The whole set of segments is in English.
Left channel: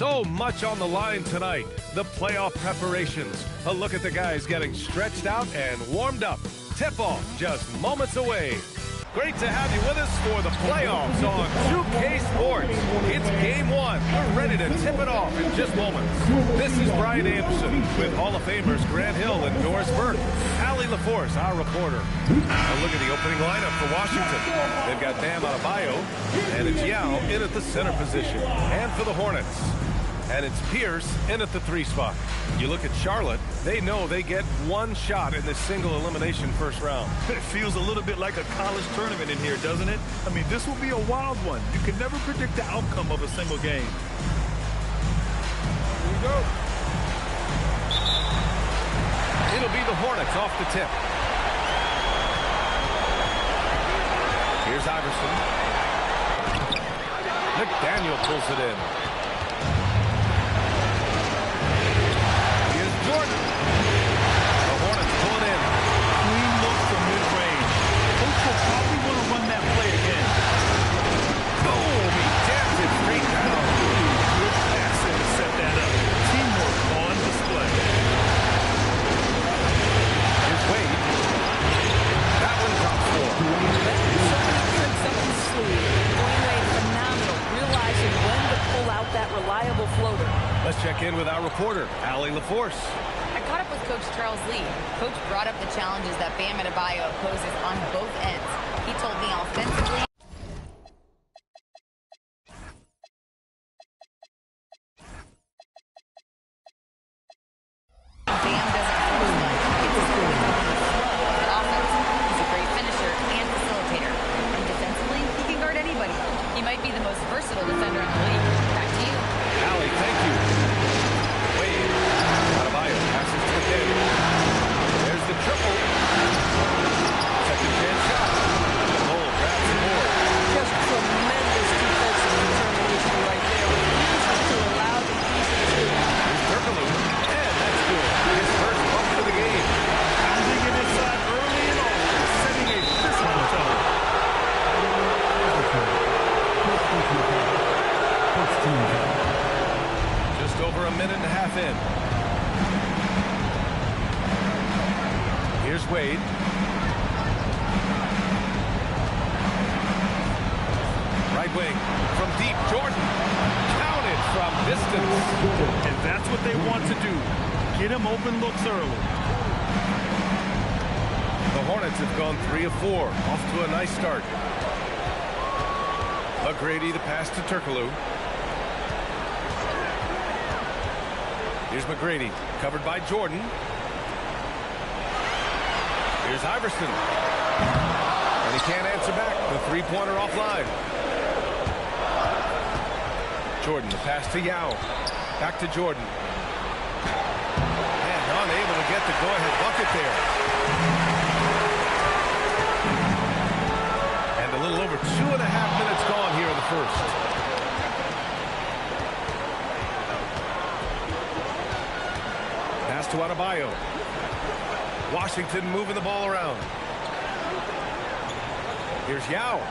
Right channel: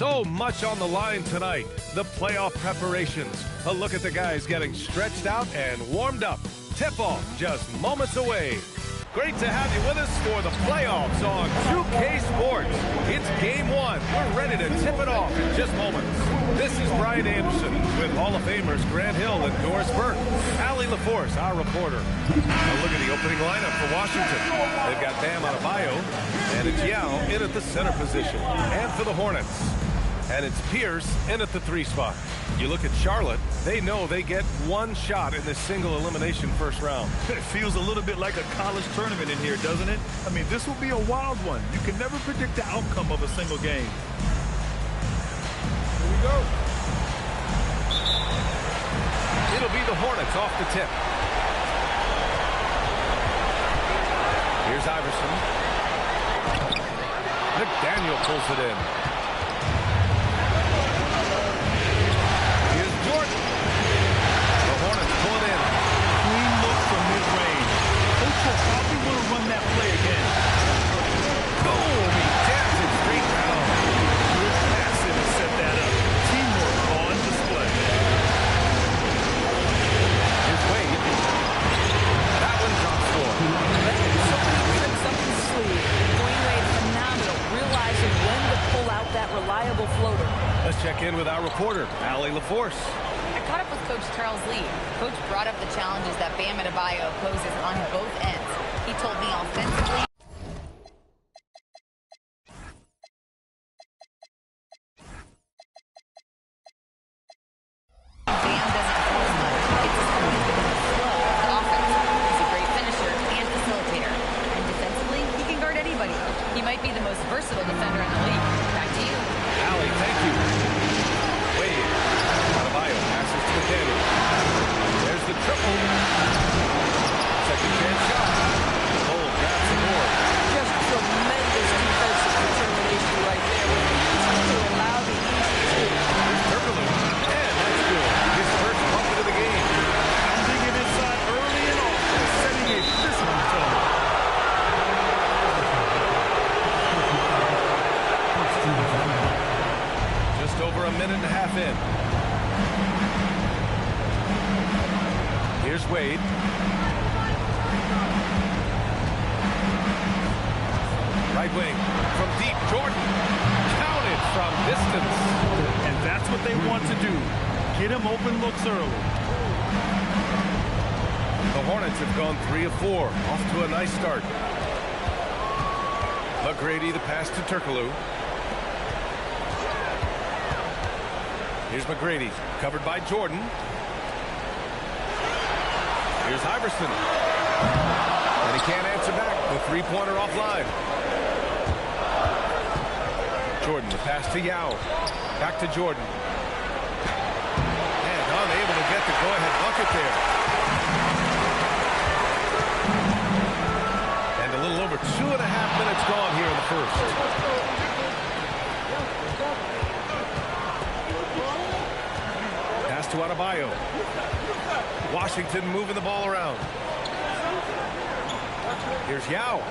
So much on the line tonight. The playoff preparations. A look at the guys getting stretched out and warmed up. Tip-off just moments away. Great to have you with us for the playoffs on 2K Sports. It's game one. We're ready to tip it off in just moments. This is Brian Anderson with Hall of Famers Grant Hill and Doris Burke. Allie LaForce, our reporter. Now look at the opening lineup for Washington. They've got Bam Adebayo, and it's Yao in at the center position. And for the Hornets, and it's Pierce in at the 3 spot. You look at Charlotte, they know they get one shot in this single elimination first round. It feels a little bit like a college tournament in here, doesn't it? I mean, this will be a wild one. You can never predict the outcome of a single game. Here we go. It'll be the Hornets off the tip. Here's Iverson. McDaniel pulls it in. Jordan. The Hornets pull it in. Clean look from mid-range. Coach will probably want to run that play again. Boom! He taps it straight down. Good passing to set that up. Teamwork on display. Here's Wade. That one drops 4. So many tricks up his sleeve. Dwade Wade phenomenal, realizing when to pull out that reliable floater. Let's check in with our reporter, Allie LaForce. I caught up with Coach Charles Lee. Coach brought up the challenges that Bam Adebayo poses on both ends. He told me offensively, Bam doesn't force much. It's his points within the flow of the offense. He's a great finisher and facilitator. And defensively, he can guard anybody. He might be the most versatile defender in the league. Back to you. Allie, thank you. Wade. Adebayo passes to McDaniel. There's the triple. Second chance shot. Cole grabs the board. Just tremendous defensive determination right there. Refuses to allow the easy two. Here's Turkoglu. And that's good. His first bucket of the game. Pounding it inside early and often, setting a physical tone. Just over a minute and a half in. Here's Wade. Right wing from deep. Jordan counted from distance. And that's what they want to do. Get him open looks early. The Hornets have gone 3 of 4. Off to a nice start. McGrady the pass to Turkoglu. Here's McGrady, covered by Jordan. Here's Iverson. And he can't answer back. The 3-pointer offline. Jordan, the pass to Yao. Back to Jordan. And unable to get the go-ahead bucket there. And a little over 2.5 minutes gone here in the first. Pass to Adebayo. Washington moving the ball around. Here's Yao.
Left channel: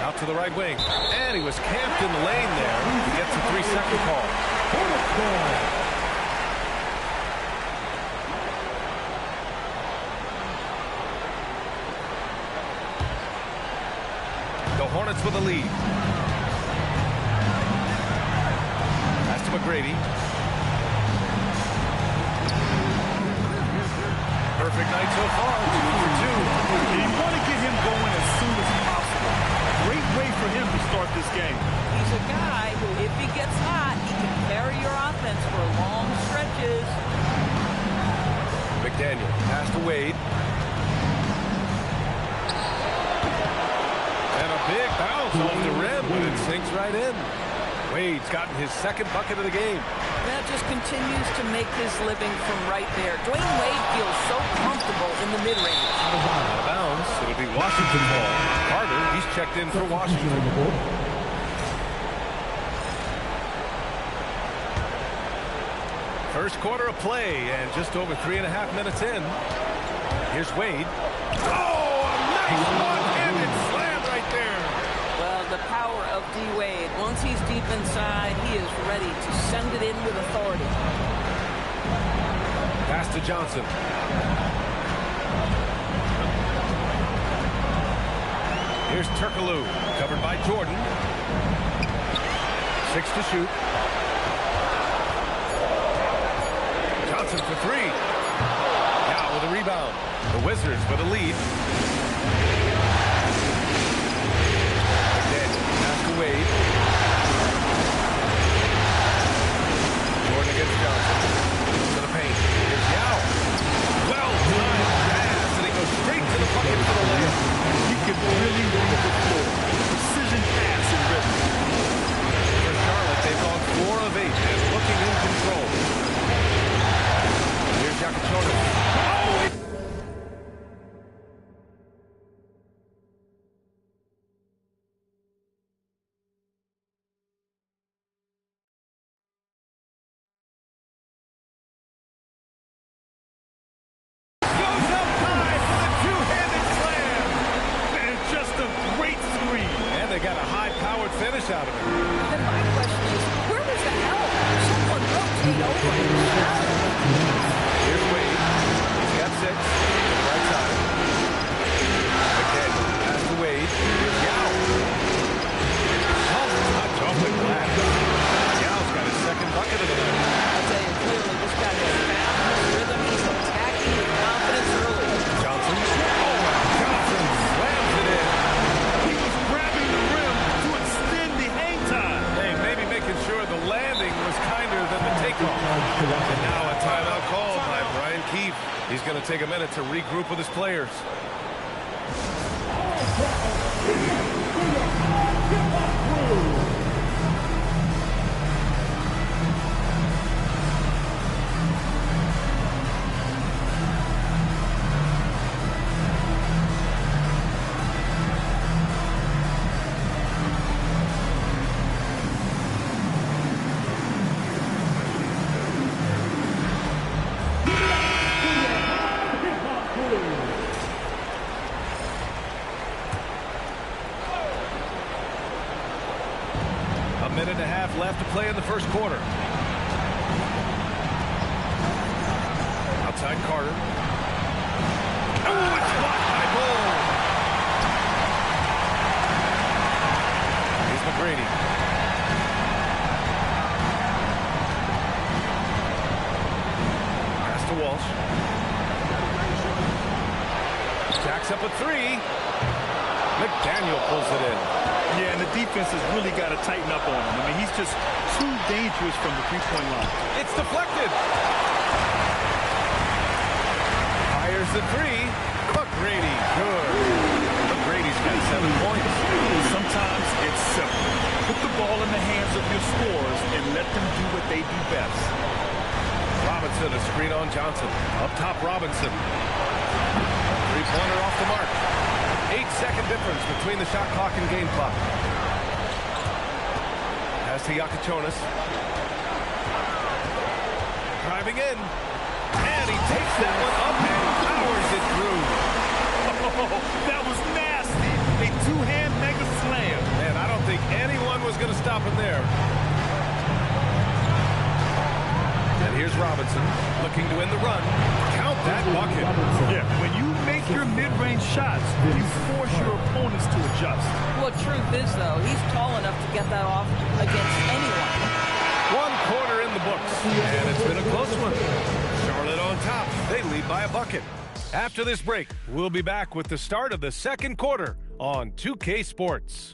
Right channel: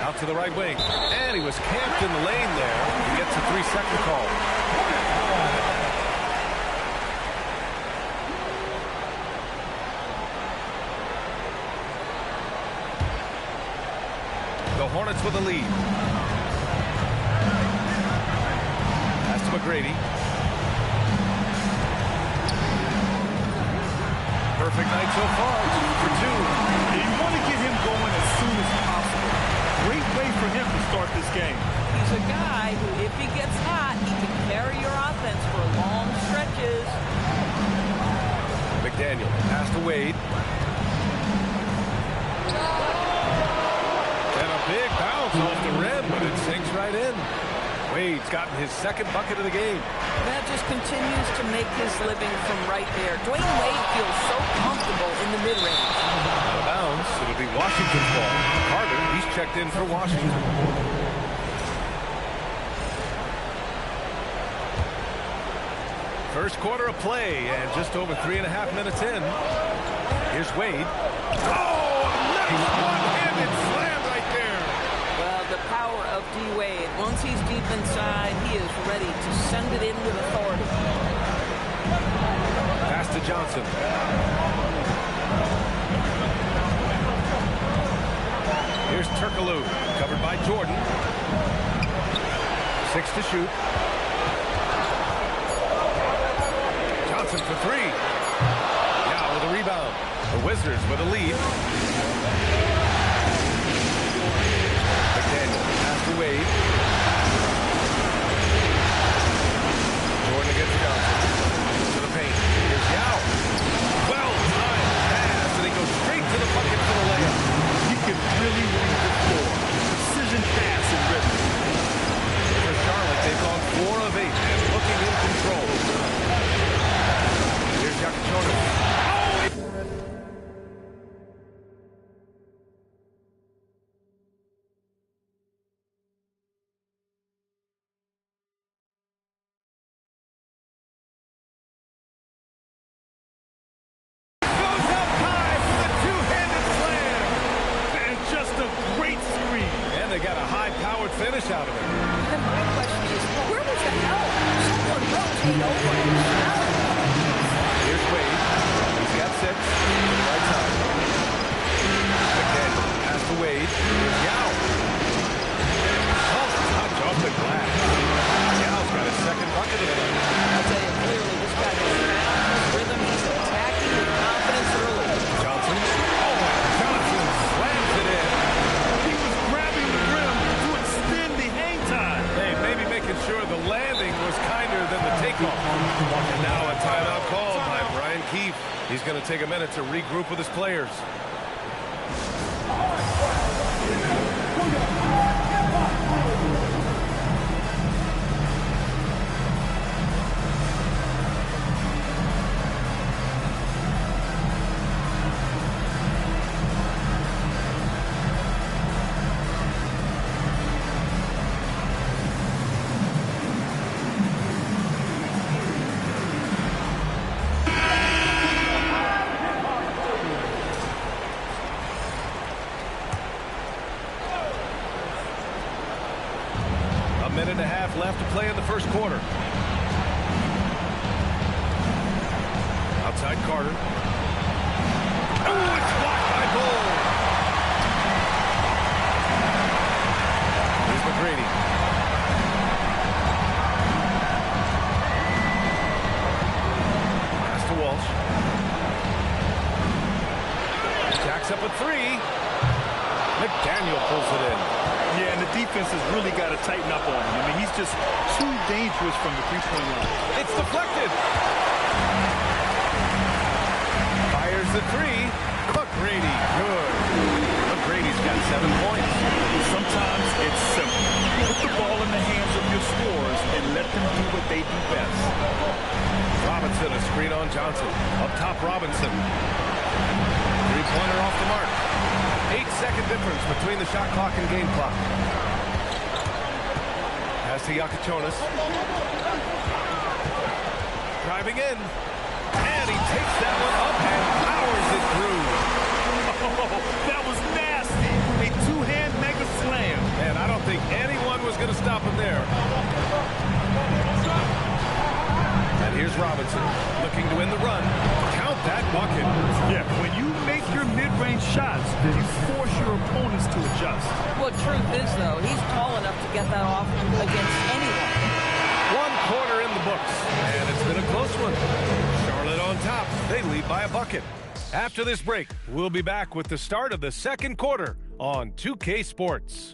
Out to the right wing. And he was camped in the lane there. He gets a 3-second call. The Hornets with a lead. Pass to McGrady. Perfect night so far, 2 for 2. And you want to get him going as soon as possible. Great way for him to start this game. He's a guy who, if he gets hot, he can carry your offense for long stretches. McDaniel, pass to Wade. And a big bounce off the rim, but it sinks right in. Wade's gotten his second bucket of the game. That just continues to make his living from right there. Dwade Wade feels so comfortable in the mid-range. Out of bounds. It'll be Washington's ball. Carter, he's checked in for Washington. First quarter of play, and just over 3.5 minutes in. Here's Wade. Oh, a nice one-handed slam right there. Well, the power of Dwade. Once he's deep inside, he is ready to send it in with authority. Pass to Johnson. Here's Turkoglu, covered by Jordan. 6 to shoot. Johnson for 3. Now with a rebound. The Wizards with a lead. McDaniel pass to Wade. Jordan against Johnson. To the paint. Here's Yao. Well-timed pass, and he goes straight to the bucket for the layup. He can really read the floor. Precision pass and rhythm. For Charlotte, they've gone 4 of 8 and looking in control. Here's Yakachona. Goes up high for the two-handed slam. And just a great screen. And they got a high-powered finish out of it. And my question is, where was the help? Someone rotate over him. Here's Wade. He's got 6 to the right side. McDaniel pass to Wade. Here's Yao. Soft touch off the glass. Yao's got his second bucket of the night. I'll tell you clearly, this guy has found his rhythm. He's attacking with confidence early. Johnson. Oh, and Johnson slams it in. He was grabbing the rim to extend the hang time. Hey, maybe making sure the landing was kinder than the takeoff. And now a timeout called by Brian Keefe. He's going to take a minute to regroup with his players. A minute and a half left to play in the first quarter. Outside Carter. Oh, it's blocked by Bull. Here's McGrady. Pass to Walsh. Jacks up a 3. McDaniel pulls it in. Yeah, and the defense has really got to tighten up on him. I mean, he's just too dangerous from the three-point line. It's deflected. Fires the 3. McGrady, good. McGrady's got 7 points. Sometimes it's simple. Put the ball in the hands of your scorers and let them do what they do best. Robinson, a screen on Johnson. Up top, Robinson. Three-pointer off the mark. 8-second difference between the shot clock and game clock. Pass to Yakachonis. Driving in. And he takes that one up and powers it through. Oh, that was nasty. A two-hand mega slam. Man, I don't think anyone was going to stop him there. And here's Robinson looking to win the run. Count that bucket. Yeah, when you make your mid-range shots, you force your opponents to adjust. Well, truth is, though, he's tall enough to get that off against anyone. 1 quarter in the books, and it's been a close one. Charlotte on top. They lead by a bucket. After this break, we'll be back with the start of the second quarter on 2K Sports.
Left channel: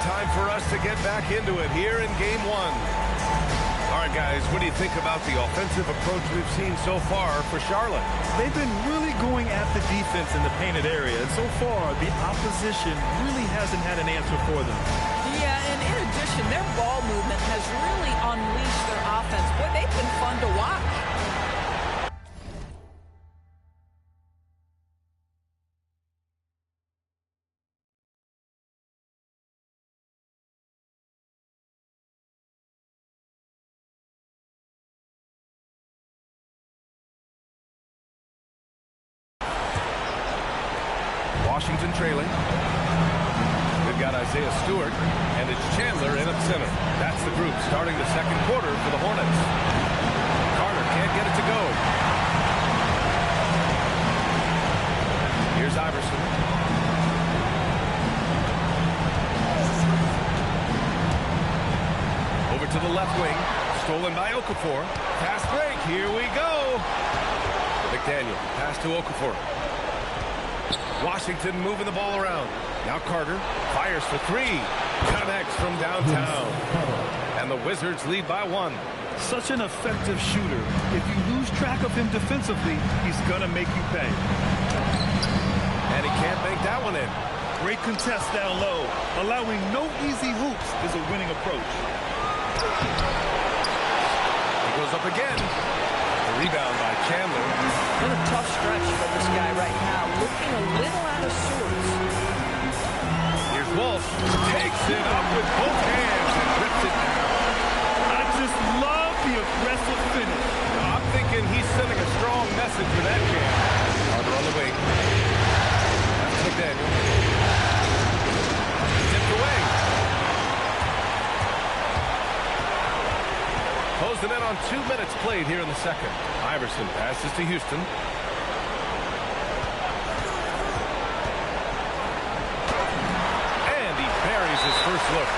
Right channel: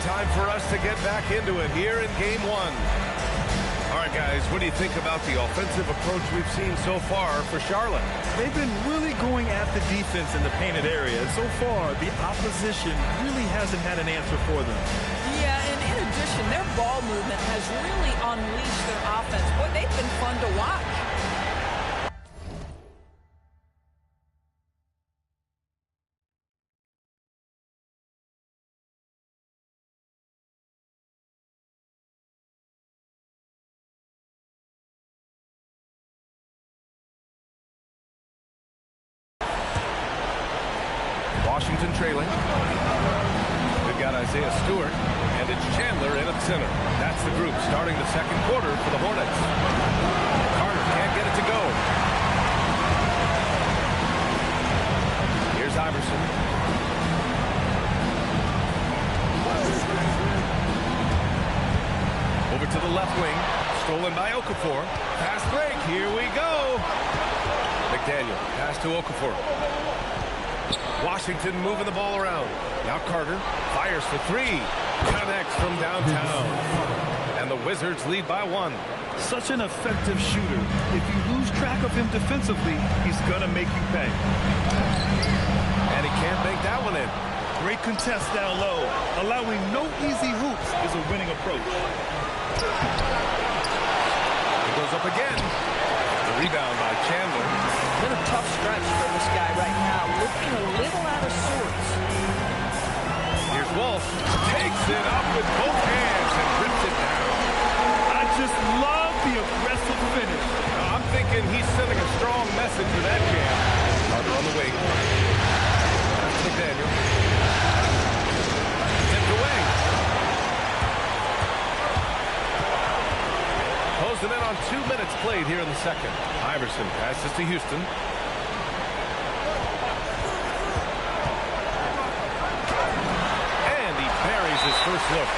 Time for us to get back into it here in game 1. All right, guys, what do you think about the offensive approach we've seen so far for Charlotte? They've been really going at the defense in the painted area, and so far, the opposition really hasn't had an answer for them. Yeah, and in addition, their ball movement has really unleashed their offense. Boy, they've been fun to watch. Washington trailing. We've got Isaiah Stewart, and it's Chandler in at center. That's the group starting the second quarter for the Hornets. Carter can't get it to go. Here's Iverson. Over to the left wing. Stolen by Okafor. Fast break. Here we go. McDaniel. Pass to Okafor. Washington moving the ball around. Now Carter fires for three. Connects from downtown. And the Wizards lead by 1. Such an effective shooter. If you lose track of him defensively, he's going to make you pay. And he can't bank that one in. Great contest down low. Allowing no easy hoops is a winning approach. He goes up again. The rebound by Chandler. Been a tough stretch for this guy right now. Looking a little out of sorts. Here's Walsh. Takes it up with both hands and rips it down. I just love the aggressive finish. I'm thinking he's sending a strong message with that jam. Carter on the wing. That's McDaniel. Tipped away. Closing in on 2 minutes played here in the second. Iverson passes to Houston. And he buries his first look.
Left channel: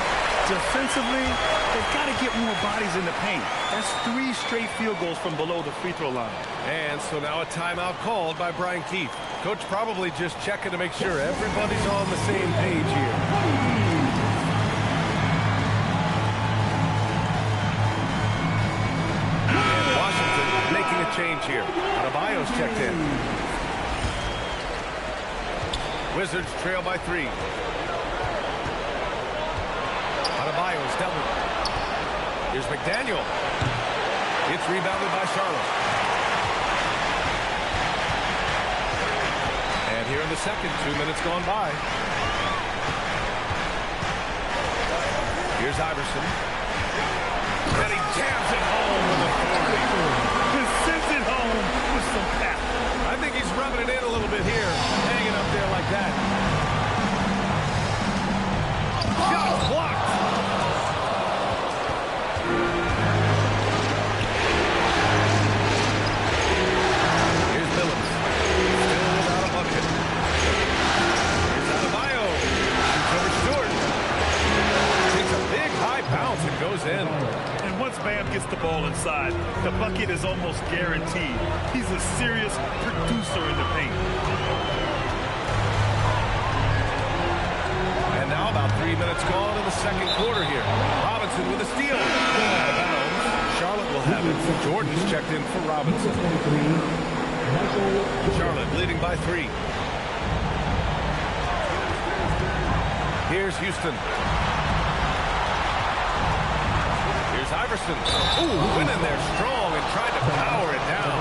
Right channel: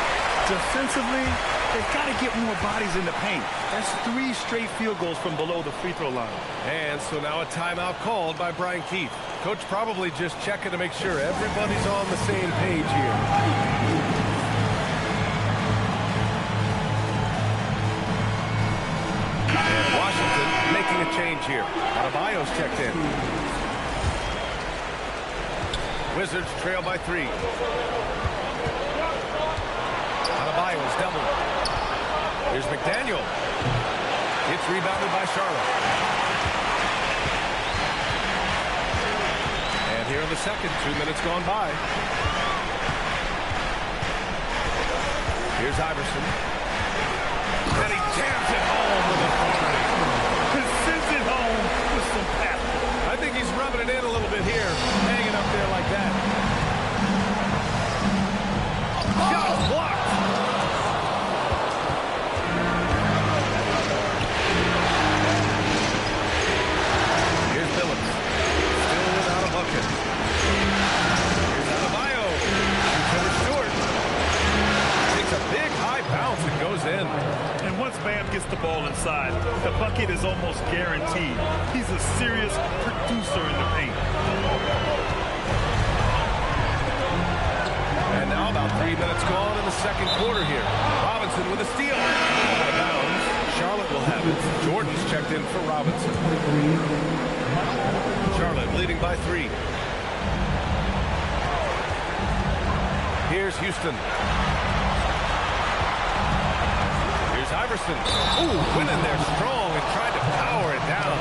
Defensively, they've got to get more bodies in the paint. That's 3 straight field goals from below the free throw line. And so now a timeout called by Brian Keefe. Coach probably just checking to make sure everybody's on the same page here. Making a change here. Adebayo's checked in. Wizards trail by 3. Adebayo's doubled. Here's McDaniel. It's rebounded by Charlotte. And here in the second, 2 minutes gone by. Here's Iverson. And he jams it home with authority. Sends it home with some pep. I think he's rubbing it in a little bit here, hanging up there like that. Shot blocked. Here's Billups. Still without a bucket. Here's Adebayo. Shoots over Stewart. Takes a big high bounce and goes in. And once Bam gets the ball inside, the bucket is almost guaranteed. He's a serious producer in the paint. And now about 3 minutes gone in the second quarter here. Robinson with a steal. Out of bounds. Charlotte will have it. Jordan's checked in for Robinson. Charlotte leading by 3. Here's Houston. Here's Iverson. Ooh, went in there strong and tried to power it down.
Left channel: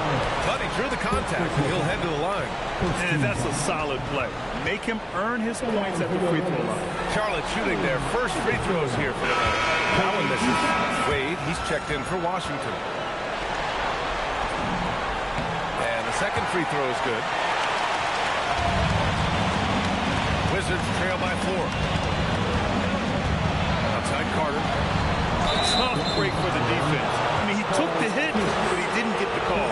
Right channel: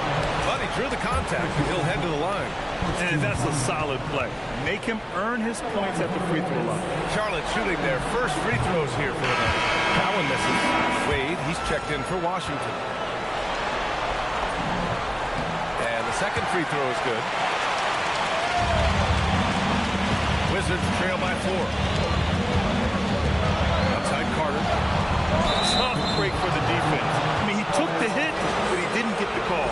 But he drew the contact, and he'll head to the line. And that's a solid play. Make him earn his points at the free throw line. Charlotte shooting their first free throws here for the night. That one misses. Wade, he's checked in for Washington. And the second free throw is good. Wizards trail by 4. Outside Carter. Tough break for the defense. I mean, he took the hit, but he didn't get the call.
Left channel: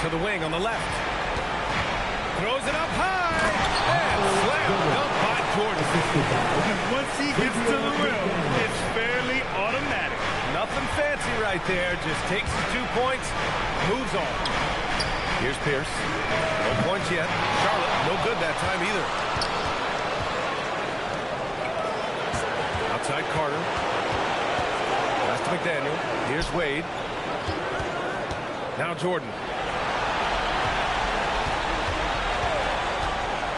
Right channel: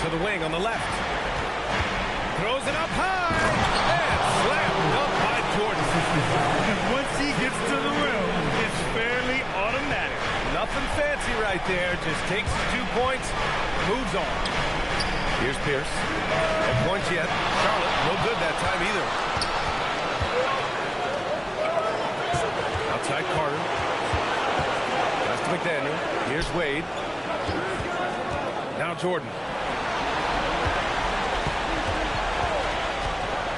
To the wing on the left. Throws it up high. And slam dunk by Jordan. And once he gets to the rim, it's fairly automatic. Nothing fancy right there. Just takes his 2 points, moves on. Here's Pierce. No points yet. Charlotte, no good that time either. Outside Carter. Pass to McDaniel. Here's Wade. Now Jordan.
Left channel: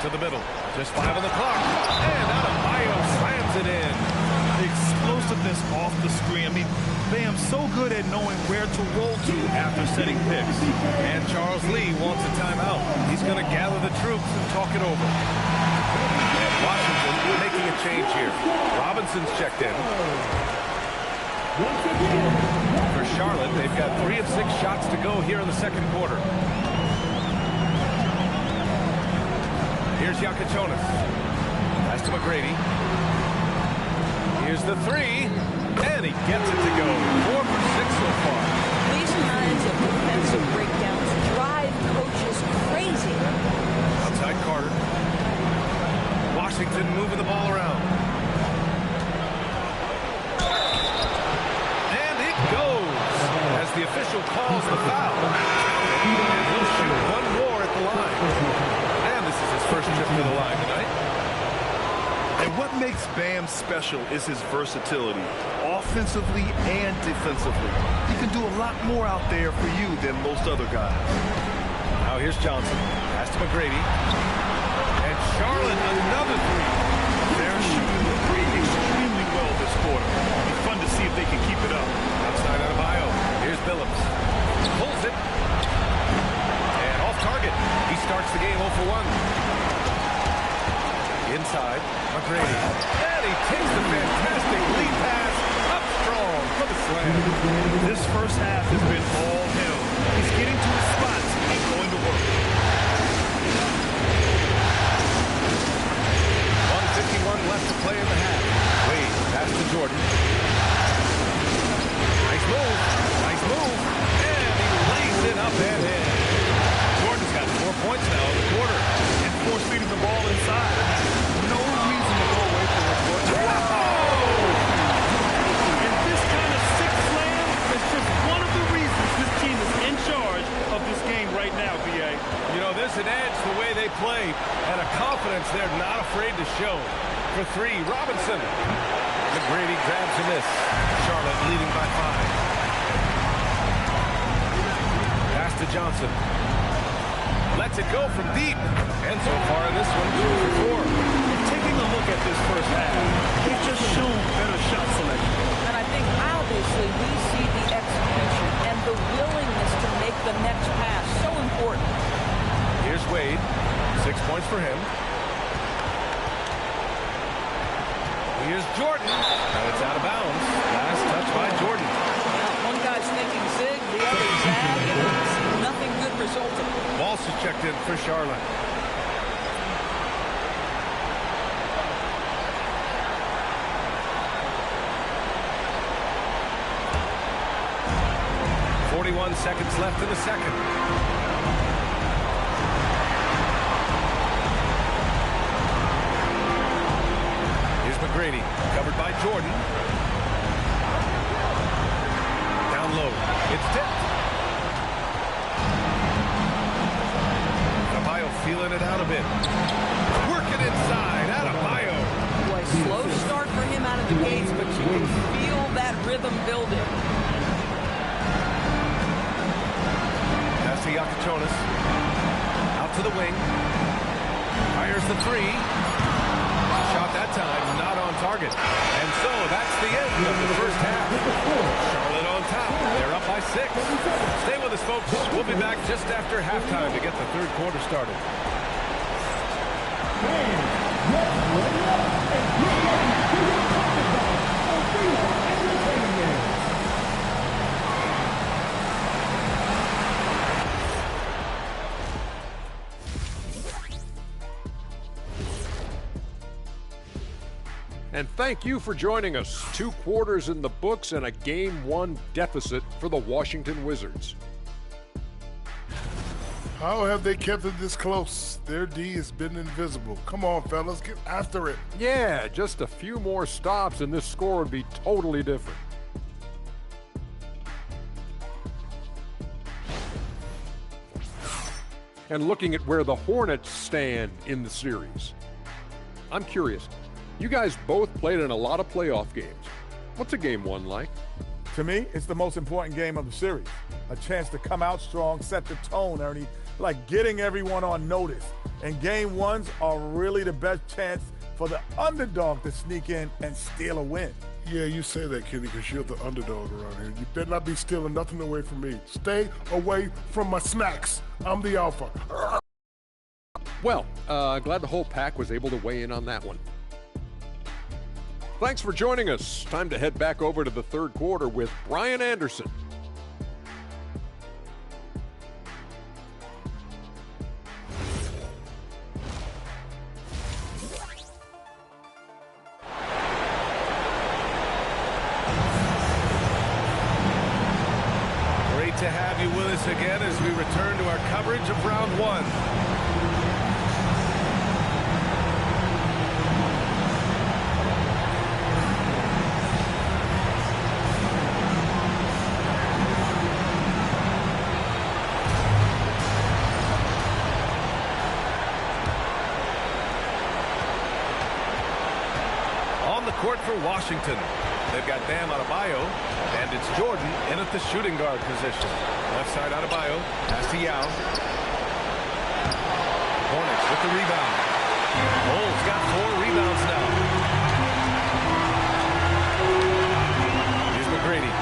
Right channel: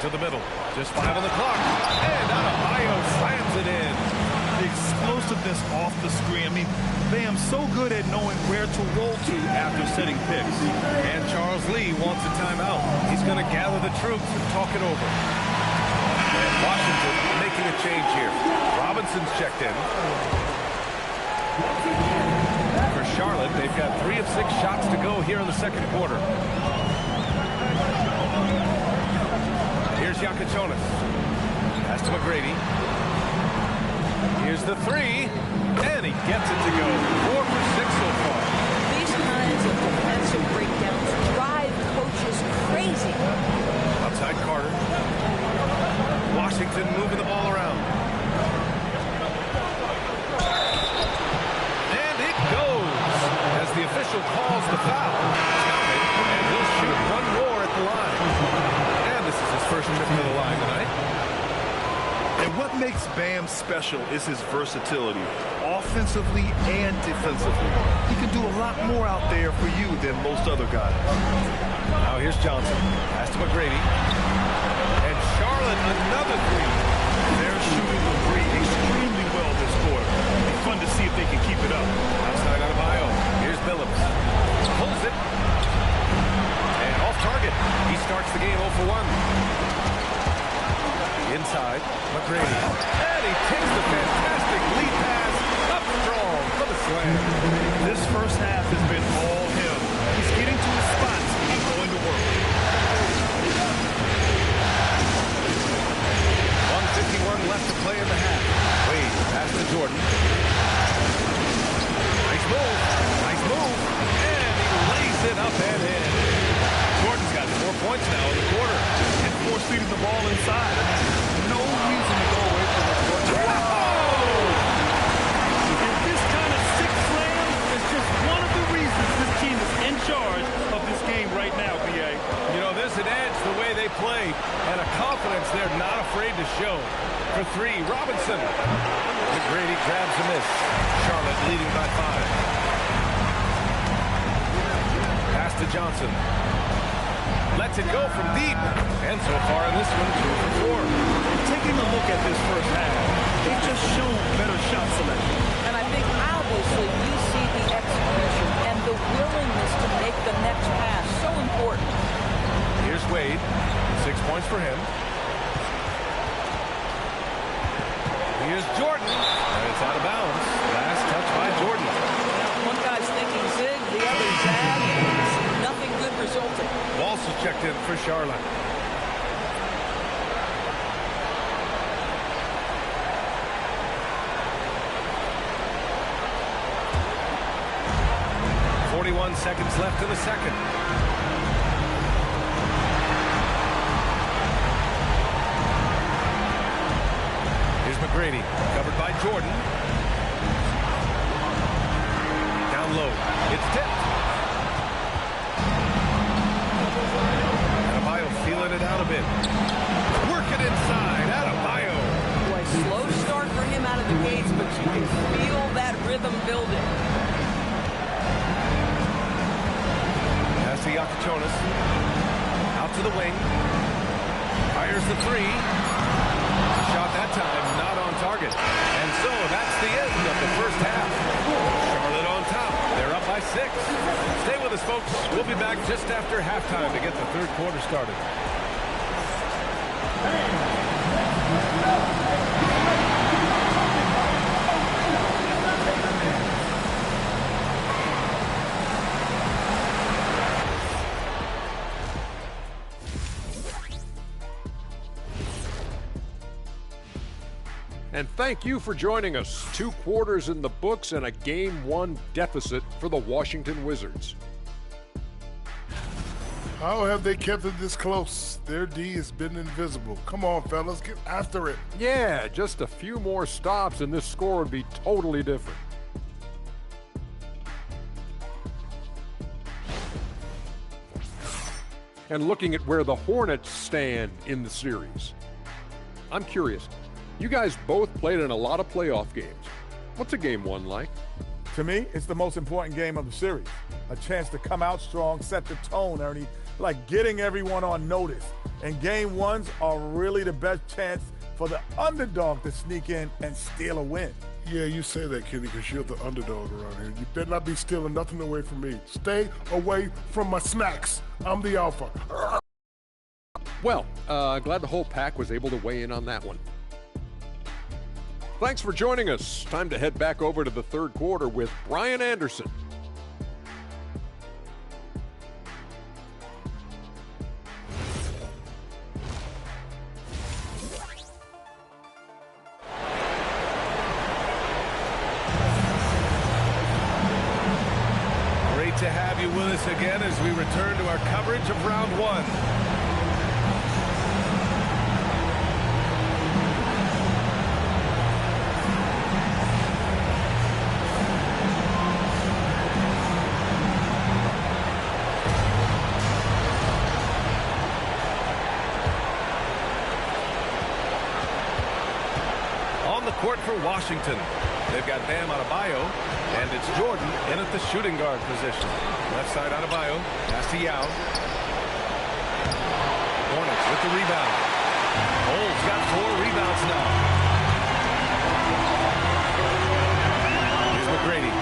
To the middle. Just 5 on the clock. And Adebayo slams it in. The explosiveness off the screen. I mean, Bam's so good at knowing where to roll to after setting picks. And Charles Lee wants a timeout. He's going to gather the troops and talk it over. And Washington making a change here. Robinson's checked in. For Charlotte, they've got 3 of 6 shots to go here in the second quarter. Here's Yakachonis. Pass to McGrady. Here's the 3, and he gets it to go. 4 for 6 so far. These kinds of defensive breakdowns drive coaches crazy. Outside Carter. Washington moving the ball around. And it goes as the official calls the foul. Count it, and he'll shoot one more at the line. And this is his first trip to the line tonight. And what makes Bam special is his versatility, offensively and defensively. He can do a lot more out there for you than most other guys. Now here's Johnson. Pass to McGrady. And Charlotte, another 3. They're shooting the 3 extremely well this quarter. It'll be fun to see if they can keep it up. Outside Adebayo. Here's Billups. Pulls it. And off target. He starts the game 0 for 1. Inside, McGrady. And he takes the fantastic lead pass up strong for the slam. This first half has been all him. He's getting to his spots and going to work. 1:51 left to play in the half. Wade, pass to Jordan. Nice move. Nice move. And he lays it up and in. Jordan's got 4 points now in the quarter. And force feeding the ball inside. No reason to go away from it. And this kind of sick slam is just one of the reasons this team is in charge of this game right now, B.A. You know, there's an edge the way they play and a confidence they're not afraid to show. For 3, Robinson. McGrady grabs a miss. Charlotte leading by 5. Pass to Johnson. Lets it go from deep. And so far in this one, 2 for 4. And taking a look at this first half, they've just shown better shot selection. And I think obviously we see the execution and the willingness to make the next pass so important. Here's Wade. 6 points for him. Here's Jordan. And it's out of bounds. Last touch by Jordan. Well, one guy's thinking zig, the other zag, and nothing good resulting. Walsh is checked in for Charlotte. .41 seconds left in the second. Here's McGrady, covered by Jordan. Down low, it's tipped. Adebayo feeling it out a bit. Working inside, Adebayo. Boy, slow start for him out of the gates, but you can feel that rhythm building. Pass to Yakachonis. Out to the wing. Fires the 3. Shot that time, not on target. And so that's the end of the first half. Charlotte on top. They're up by 6. Stay with us, folks. We'll be back just after halftime to get the third quarter started. And thank you for joining us. 2 quarters in the books and a Game 1 deficit for the Washington Wizards. How have they kept it this close? Their D has been invisible. Come on, fellas, get after it. Yeah, just a few more stops and this score would be totally different. And looking at where the Hornets stand in the series, I'm curious. You guys both played in a lot of playoff games. What's a Game 1 like? To me, it's the most important game of the series. A chance to come out strong, set the tone, Ernie, like getting everyone on notice. And Game 1s are really the best chance for the underdog to sneak in and steal a win. Yeah, you say that, Kenny, because you're the underdog around here. You better not be stealing nothing away from me. Stay away from my snacks. I'm the alpha. Well, glad the whole pack was able to weigh in on that one. Thanks for joining us. Time to head back over to the third quarter with Brian Anderson. Great to have you with us again as we return to our coverage of round one. On the court for Washington, they've got Bam Adebayo, and it's Jordan in at the shooting guard position. Left side Adebayo, pass to Yao. Hornets with the rebound. Bulls got 4 rebounds now. Here's McGrady.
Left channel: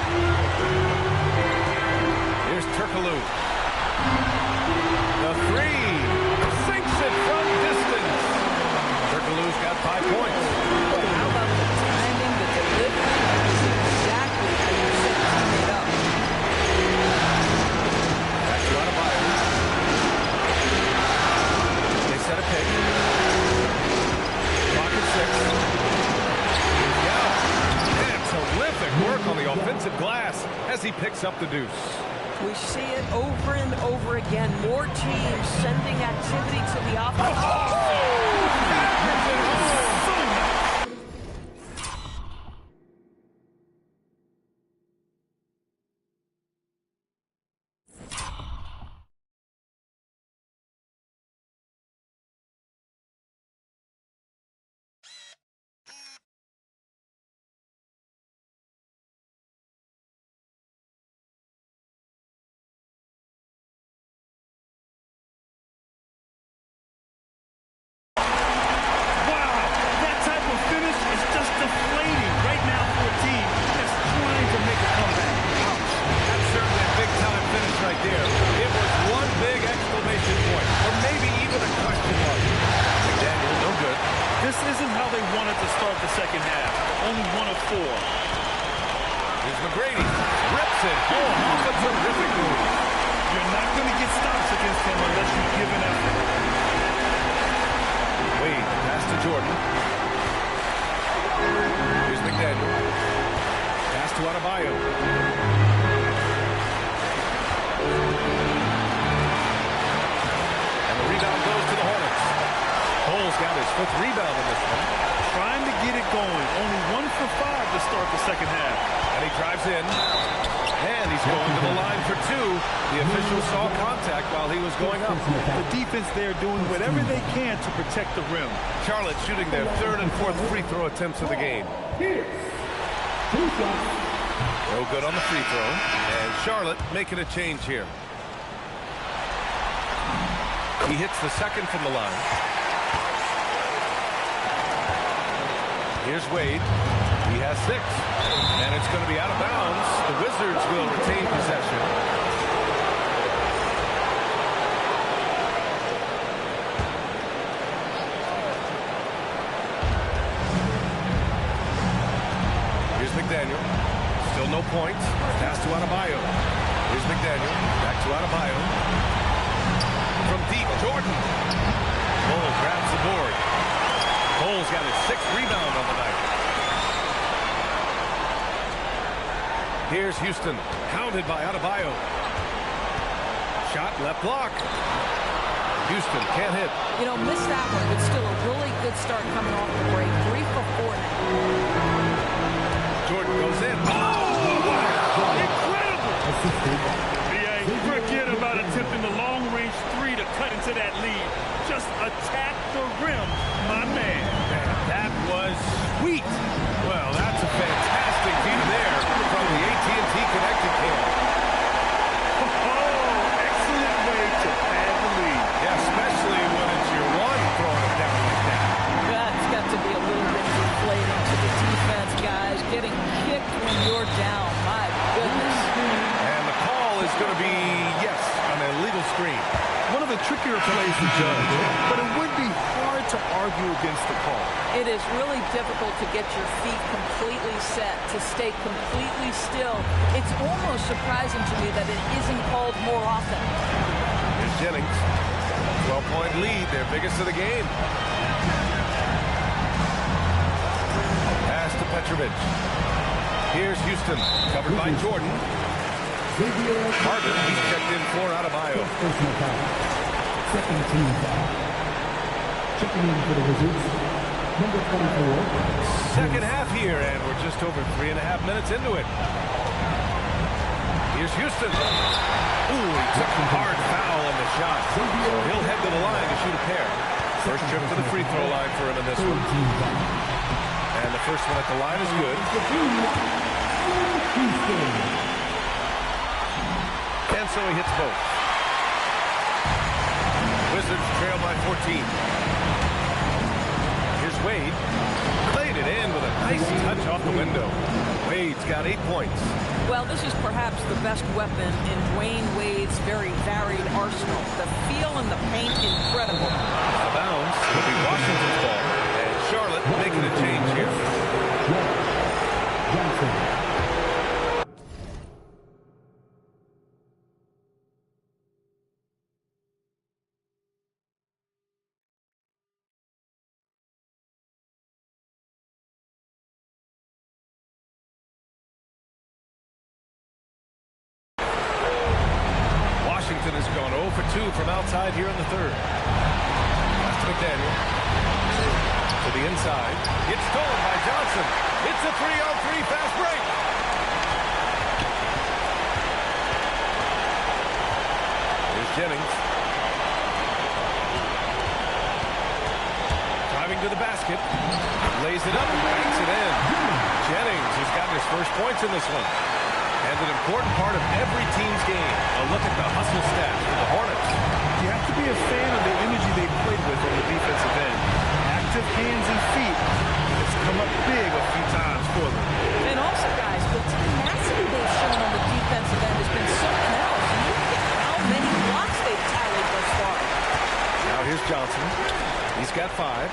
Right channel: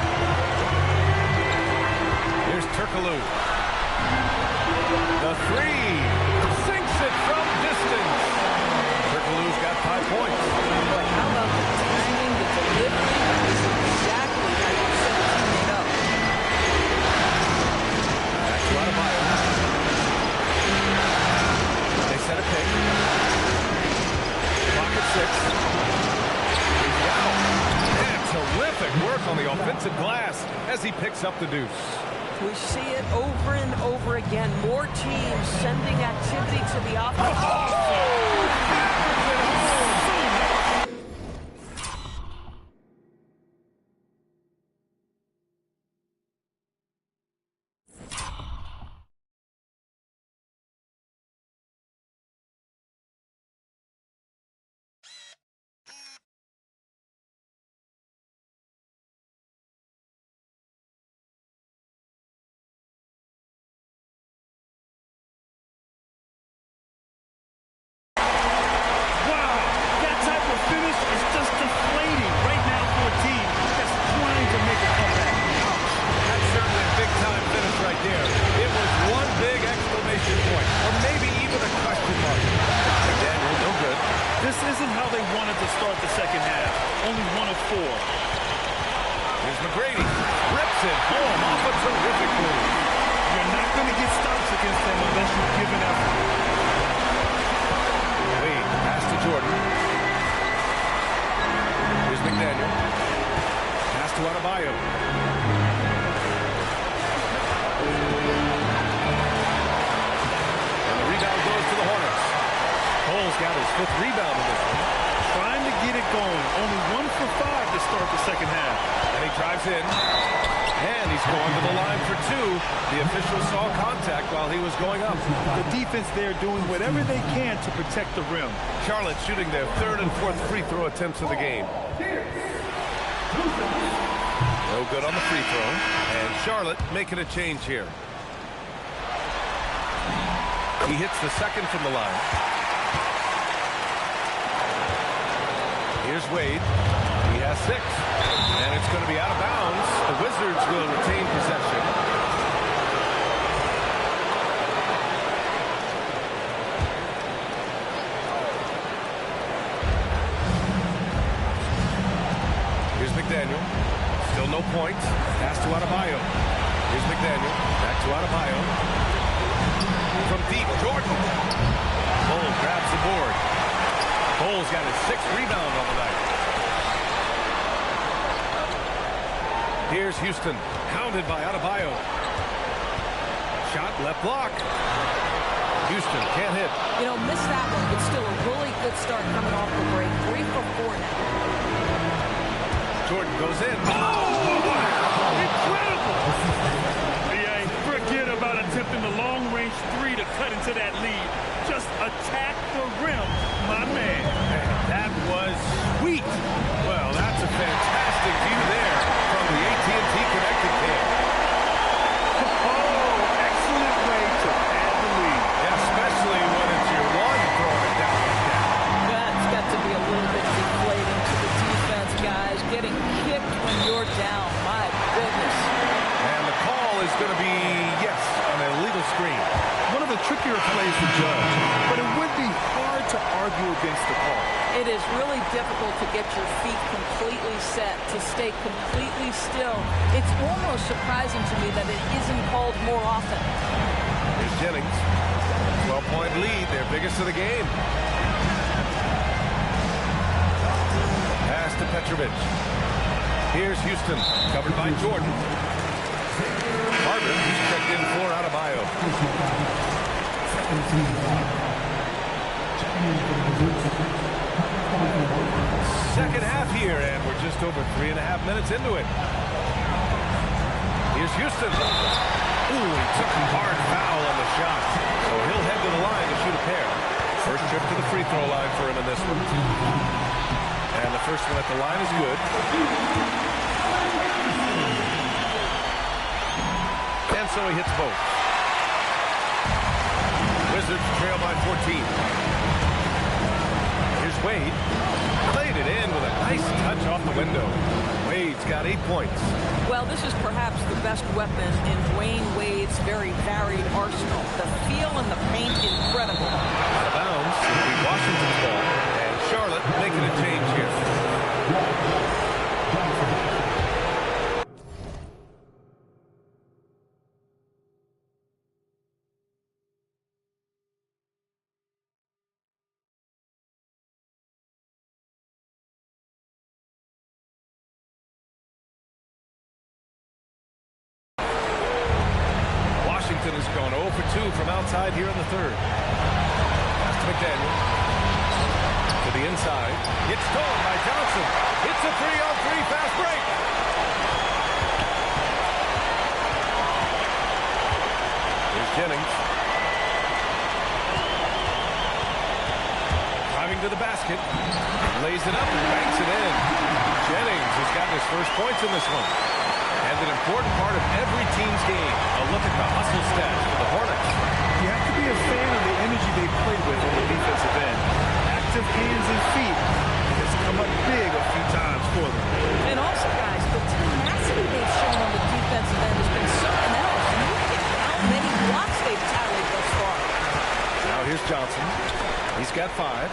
Here's Turkoglu. The 3 sinks it from distance. Turkoglu's got 5 points. Boy, how about the timing, the delivery? That is exactly how you set a teammate up. Back to Adebayo. They set a pick. Clock at 6. Here's Yao. And terrific work on the offensive glass as he picks up the deuce. We see it over and over again. More teams sending activity to the offense. Hammers it home. Finish is just deflating right now for a team that's trying to make a comeback. Ouch. That's certainly a big-time finish right there. It was one big exclamation point, or maybe even a question mark. McDaniel, no good. This isn't how they wanted to start the second half. Only 1 of 4. Here's McGrady. Rips it home off a terrific move. You're not going to get stops against him unless you give an effort. Wade, the pass to Jordan. Here's McDaniel. Pass to Adebayo. And the rebound goes to the Hornets. Cole's got his 5th rebound in this one. Trying to get it going. Only 1 for 5 to start the second half. And he drives in. And he's going to the line for 2. The official saw contact while he was going up. The defense there doing whatever they can to protect the rim. Charlotte shooting their 3rd and 4th free throw attempts of the game. No good on the free throw. And Charlotte making a change here. He hits the 2nd from the line. Here's Wade. He has 6. And it's going to be out of bounds. The Wizards will retain possession. Here's McDaniel. Still no points. Pass to Adebayo. Here's McDaniel. Back to Adebayo. From deep, Jordan. Cole grabs the board. Cole's got his 6th rebound on the night. Here's Houston, hounded by Adebayo. Shot left block. Houston can't hit. You know, missed that one, but still a really good start coming off the break. 3 for 4 now. Jordan goes in. Oh, wow. Incredible. BA, forget about attempting the long-range 3 to cut into that lead. Just attack the rim, my man. Man, that was sweet. Well, that's a fantastic view there from the AT&T Connected Cam. Oh, excellent way to pad the lead. Yeah, especially when it's your 1 throwing it down like that. That's got to be a little bit deflating to the defense, guys. Getting kicked when you're down. My goodness. And the call is going to be, yes, on an illegal screen. One of the trickier plays to judge, but it would be hard to argue against the call. It is really difficult to get your feet completely set, to stay completely still. It's almost surprising to me that it isn't called more often. Here's Jennings. 12-point lead, their biggest of the game. Pass to Petrovic. Here's Houston, covered by Jordan. Carter, he's checked in for Adebayo. Second team foul. Checking in for the Wizards, number 24. Second half here, and we're just over 3.5 minutes into it. Here's Houston. Ooh, he took a hard foul on the shot, so he'll head to the line to shoot a pair. First trip to the free throw line for him in this one. And the first one at the line is good. And so he hits both. Wizards trail by 14. Here's Wade. Played it in with a nice touch off the window. Wade's got 8 points. Well, this is perhaps the best weapon in Dwayne Wade's very varied arsenal. The feel in the paint, incredible. Out of bounds. It'll be Washington's ball. And Charlotte making a change here. Washington has gone 0 for 2 from outside here in the third. Pass to McDaniel. To the inside. It's stolen by Johnson. It's a 3-on-3 fast break. Here's Jennings. Driving to the basket. Lays it up and banks it in. Jennings has gotten his first points in this one. And an important part of every team's game. A look at the hustle stats for the Hornets. You have to be a fan of the energy they played with on the defensive end. Active hands and feet. It's come up big a few times for them. And also, guys, the tenacity they've shown on the defensive end has been something else. And look at how many blocks they've tallied thus far. Now here's Johnson. He's got 5.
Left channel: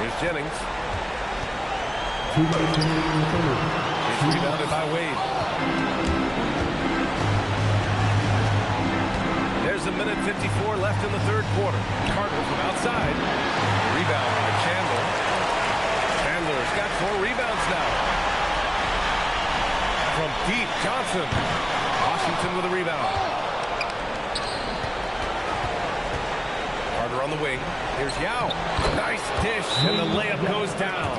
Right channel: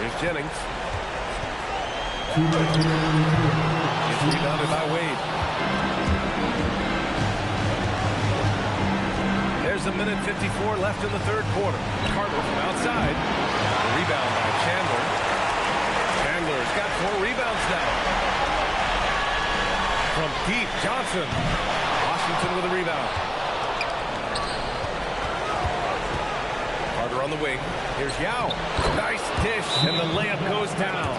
Here's Jennings. It's rebounded by Wade. There's a minute 54 left in the third quarter. Carter from outside. The rebound by Chandler. Chandler's got 4 rebounds now. From deep, Johnson. Washington with a rebound. Carter on the wing. Here's Yao. Nice dish, and the layup goes down.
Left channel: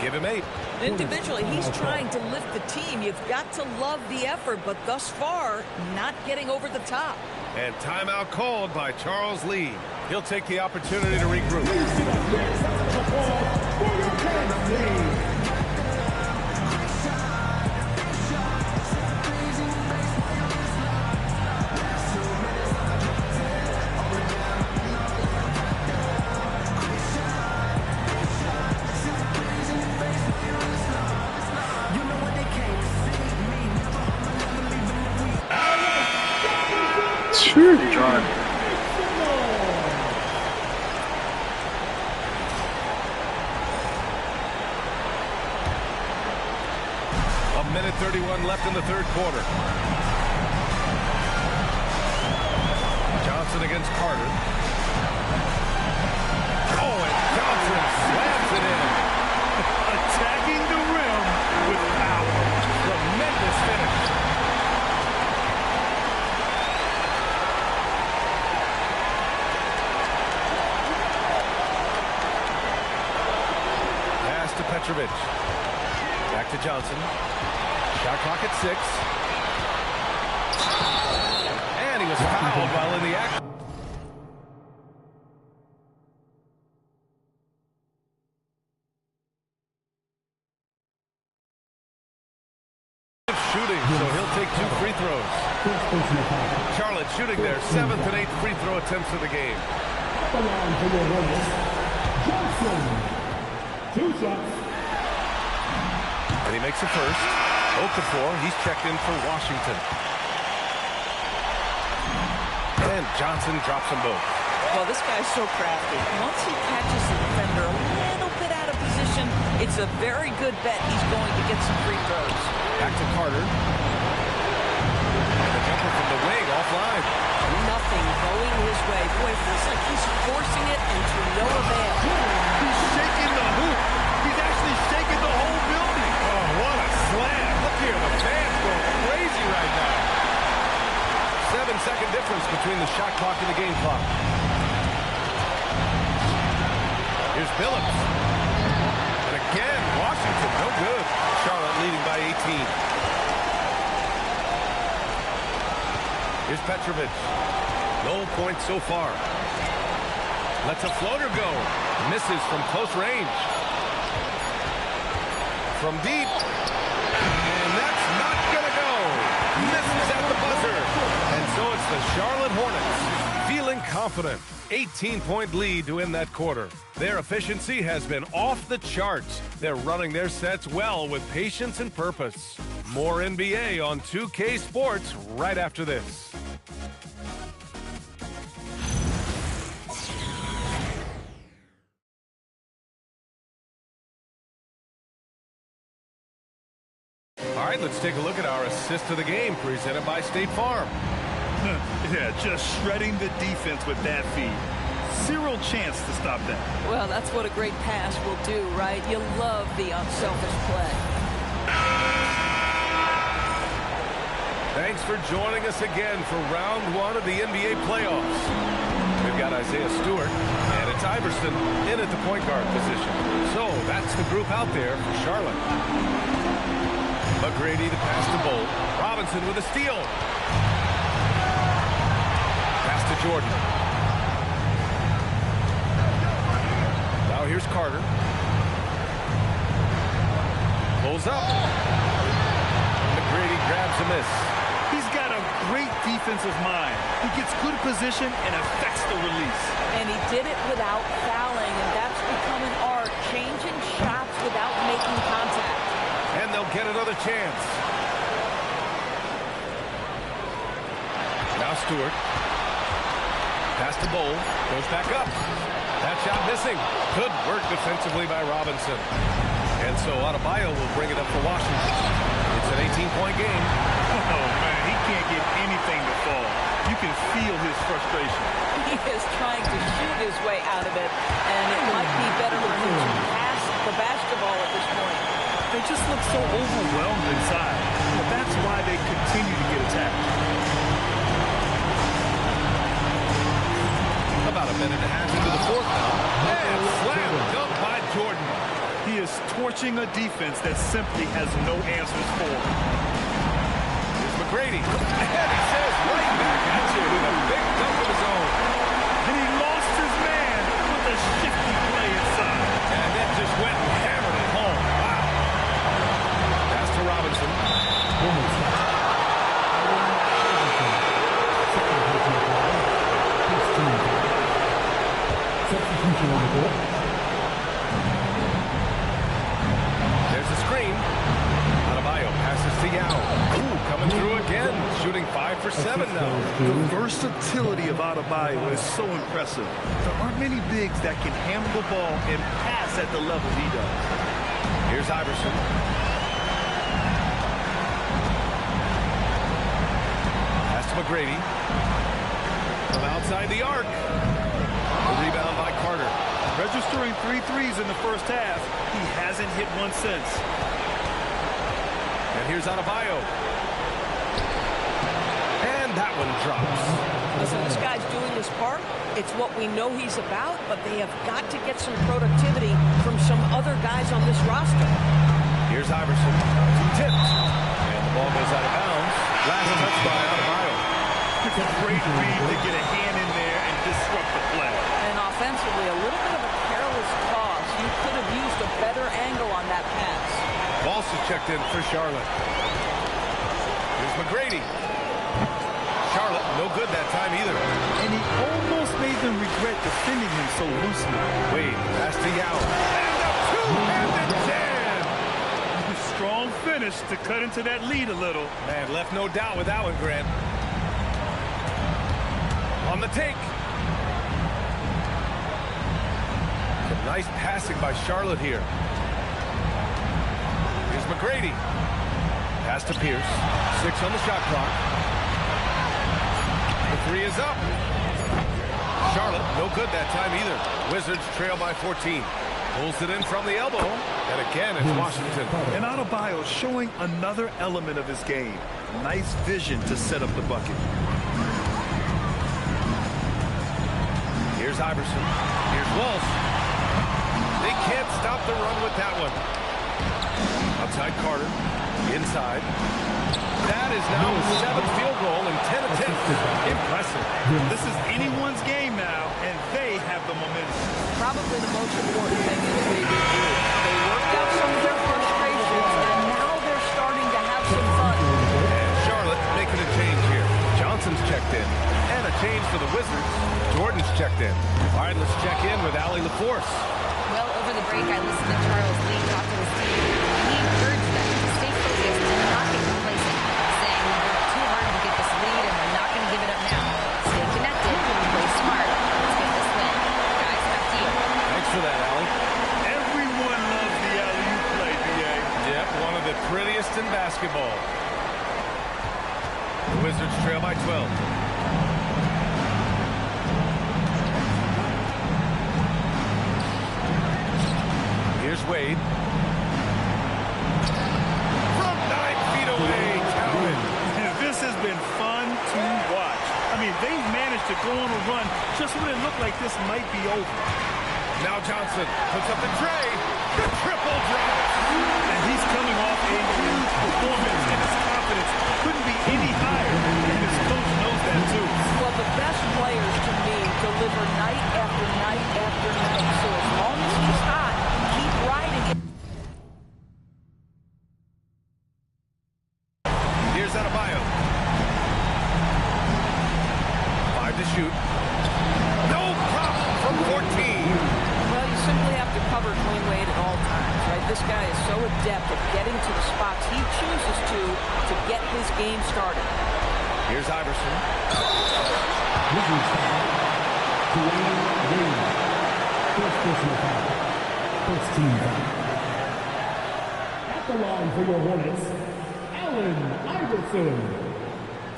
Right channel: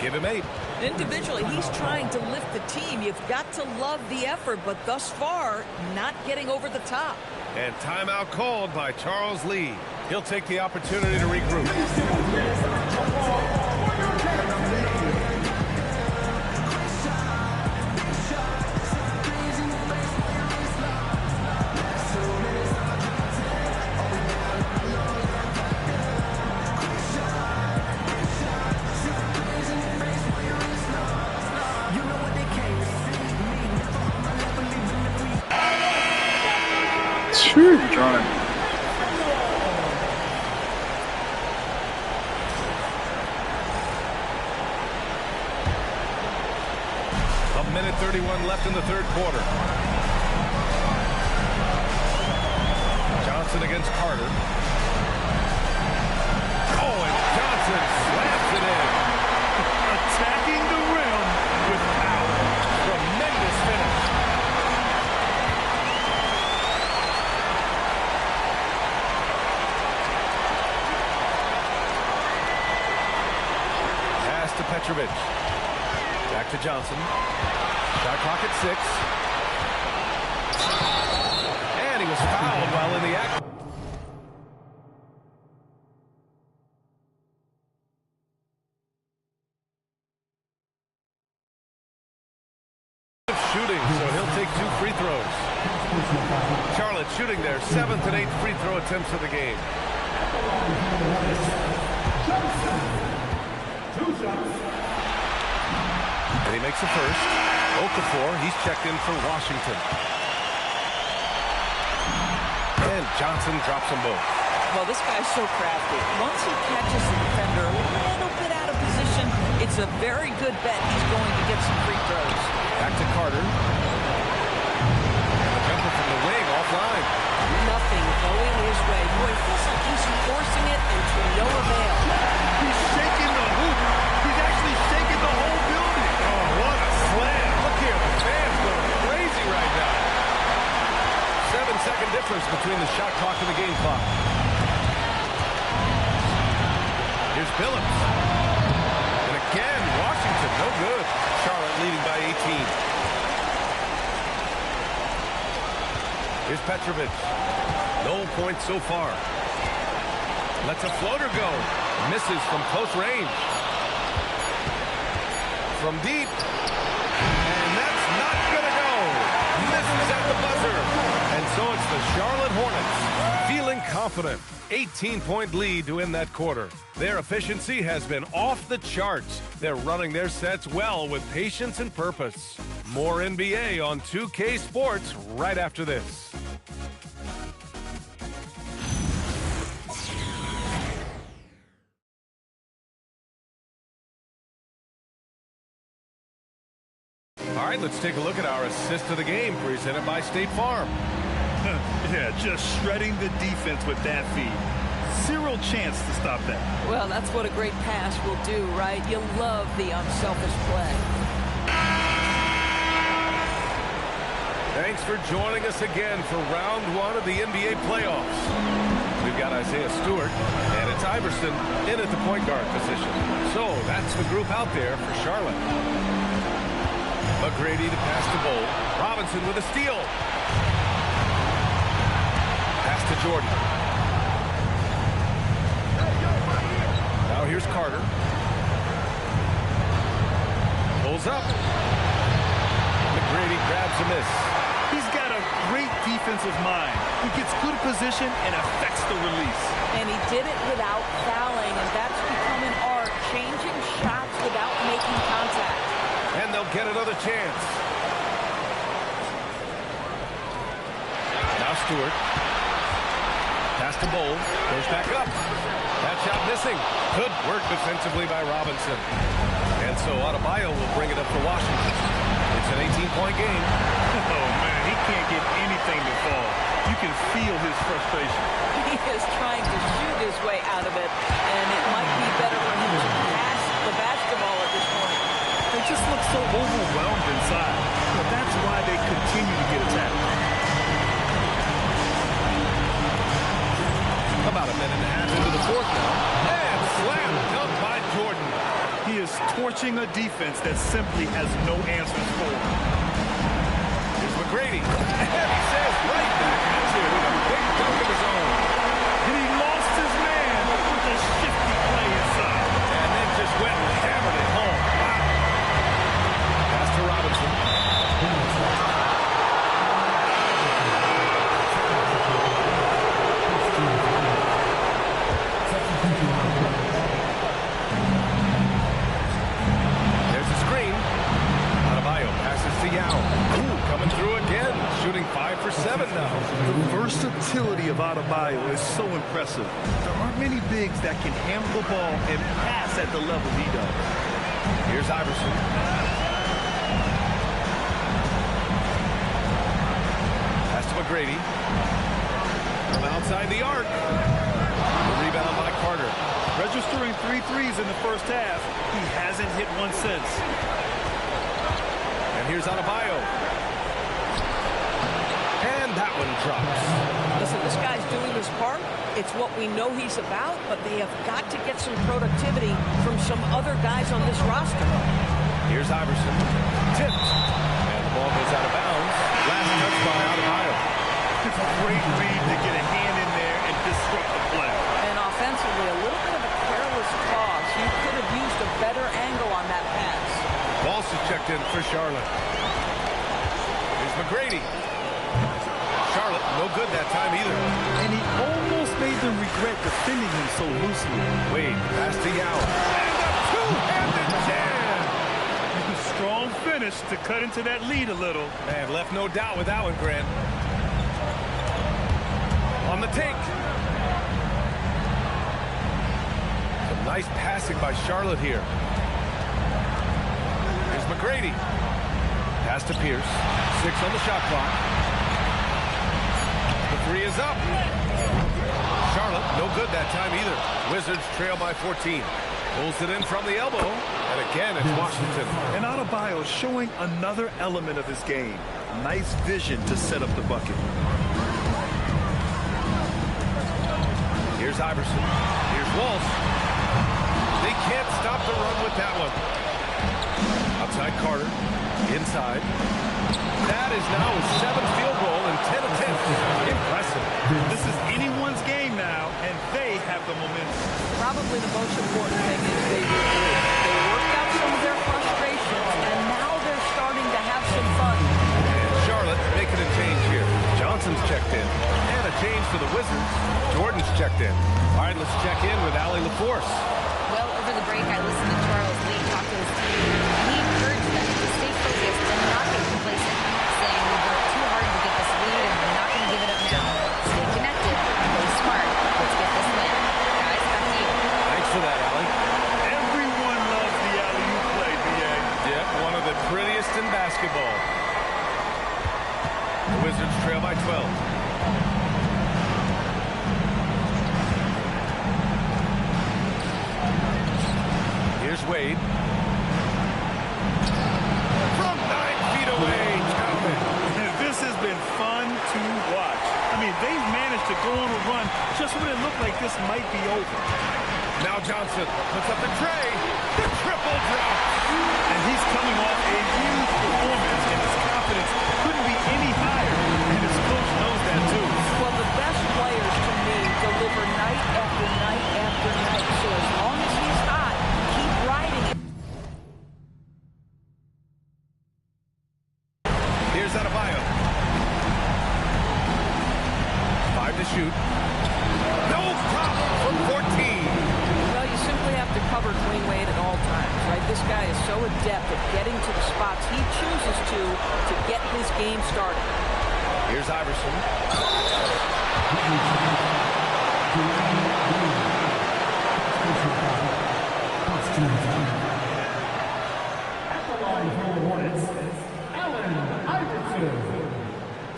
Give him 8. Individually, he's trying to lift the team. You've got to love the effort, but thus far, not getting over the top. And timeout called by Charles Lee. He'll take the opportunity to regroup. Sure, John. A minute 31 left in the third quarter. Johnson against Carter. Oh, and Johnson slams it in. Attacking the rim with power. Tremendous finish. Pass to Petrovic. Back to Johnson. Shot clock at 6. And he was fouled while in the act. shooting, so he'll take 2 free throws. Charlotte shooting their 7th and 8th free throw attempts of the game. And he makes a first. 0-4. He's checked in for Washington. And Johnson drops them both. Well, this guy's so crafty. Once he catches the defender a little bit out of position, it's a very good bet he's going to get some free throws. Back to Carter. And the jumper from the wing offline. Nothing going his way. Boy, it feels like he's forcing it and to no avail. He's shaking the hoop. He's actually shaking the whole building. Oh, what a slam. Look here, the fans going crazy right now. 7-second difference between the shot clock and the game clock. Here's Billups. And again, Washington, no good. Charlotte leading by 18. Here's Petrovic. No points so far. Lets a floater go. Misses from close range. From deep. And that's not going to go. Misses at the buzzer. And so it's the Charlotte Hornets feeling confident. 18-point lead to win that quarter. Their efficiency has been off the charts. They're running their sets well with patience and purpose. More NBA on 2K Sports right after this. All right, let's take a look at our assist of the game presented by State Farm. Yeah, just shredding the defense with that feed. Zero chance to stop that. Well, that's what a great pass will do, right? You love the unselfish play. Thanks for joining us again for round 1 of the NBA playoffs. We've got Isaiah Stewart, and it's Iverson in at the point guard position. So that's the group out there for Charlotte. McGrady the pass to Bowl. Robinson with a steal. Pass to Jordan. Now here's Carter. Pulls up. McGrady grabs a miss. He's got a great defensive mind. He gets good position and affects the release. And he did it without fouling, and that's become an art, changing shots without making contact. And they'll get another chance. Now Stewart. Pass to Bowl. Goes back up. That shot missing. Good work defensively by Robinson. And so Adebayo will bring it up for Washington. It's an 18-point game. Oh, man, he can't get anything to fall. You can feel his frustration. He is trying to shoot his way out of it, and it might be better for him to pass the basketball at this point. They just look so overwhelmed inside. Well, that's why they continue to get attacked. About a minute and a half into the fourth now. And slam dunk by Jordan. He is torching a defense that simply has no answers for him. Here's McGrady. And he says right back at you with a big dunk of his own. And he lost his man with a shifty play inside. And then just went and hammered it home. Wow. Pass to Robinson. There's a screen. Adebayo passes to Yao. Ooh, coming through again. Shooting 5 for 7 now. The versatility of Adebayo is so impressive. There aren't many bigs that can handle the ball and pass at the level he does. Here's Iverson. Pass to McGrady. From outside the arc. The rebound by Carter. Registering 3 threes in the first half. He hasn't hit one since. And here's Adebayo. And that one drops. Listen, this guy's doing his part. It's what we know he's about, but they have got to get some productivity from some other guys on this roster. Here's Iverson. Tipped. And the ball goes out of bounds. Last touch by Adebayo. It's a great read to get a hand in there and disrupt the play. And offensively, a little bit of a careless toss. You could have used a better angle on that pass. Walsh is checked in for Charlotte. Here's McGrady. Charlotte, no good that time either. And he almost made them regret defending him so loosely. Wade, pass to Yao. And a two-handed jam! Strong finish to cut into that lead a little. Man, left no doubt with that one, Grant. On the take. Some nice passing by Charlotte here. Here's McGrady. Pass to Pierce. 6 on the shot clock. The 3 is up. Charlotte, no good that time either. Wizards trail by 14. Pulls it in from the elbow. And again, it's Washington. And Adebayo showing another element of his game. Nice vision to set up the bucket. Here's Iverson. Here's Walsh. They can't stop the run with that one. Outside Carter. Inside. That is now his 7th field goal in 10 attempts. Impressive. This is anyone's game now, and they have the momentum. Probably the most important thing is they regroup. They worked out some of their frustrations, and now they're starting to have some fun. And Charlotte making a change here. Johnson's checked in. And a change for the Wizards. Jordan's checked in. All right, let's check in with Allie LaForce. Well, over the break, I listened to Charles Lee talk to his team, and he encouraged them to stay focused and not get complacent, saying we worked too hard to get this lead, and we're not going to give it up now. Stay connected, play smart. Let's get this win. Guys, back to you. Thanks for that, Allie. Everyone loves the alley-oop play, B.A. Yep, one of the prettiest in basketball. The Wizards trail by 12. Here's Wade. From 9 feet away, counted. This has been fun to watch. I mean, they've managed to go on a run just when it looked like this might be over. Now Johnson puts up the tray. The triple drop. And he's coming off a huge performance, and his confidence couldn't be any higher. And his coach knows that, too. Well, the best players, to me, deliver night after night after night. So as long as he's hot, keep riding it. Here's Adebayo. 5 to shoot. No problem from 14. Well, you simply have to cover Dwayne Wade at all times, right? This guy is so adept at getting to the spots he chooses to get his game started. Here's Iverson. First team foul. At the line for your Hornets, Allen Iverson,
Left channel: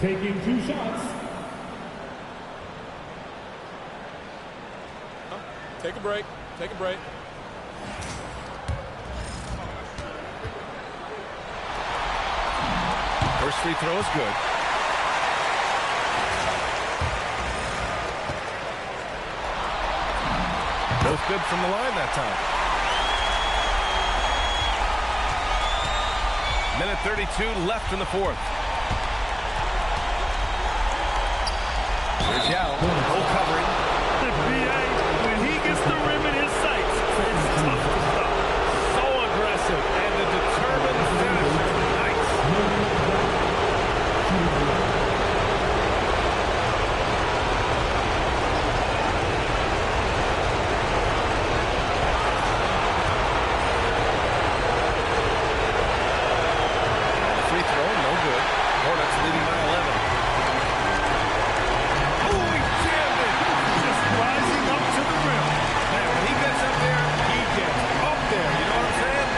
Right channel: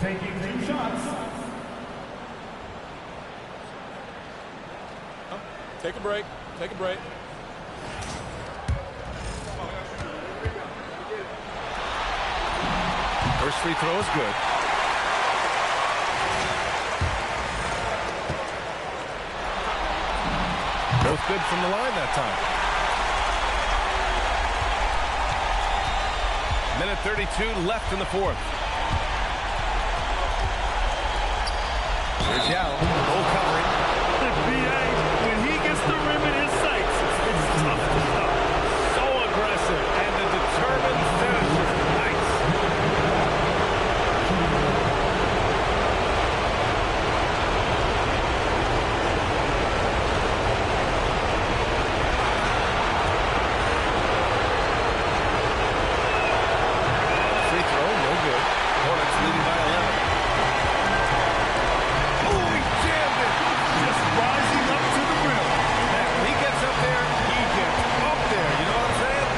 taking 2 shots. Take a break. Take a break. First free throw is good. Both good from the line that time. Minute 32 left in the 4th. Here's Yao. Goal covering. B.A., when he gets the rim in his sights, it's tough to stop. So aggressive and a determined finisher. Nice. Free throw, no good. Hornets leading by 11. Oh, he jammed it. Just rising up to the rim. Man, when he gets up there, he gets up there. You know what I'm saying?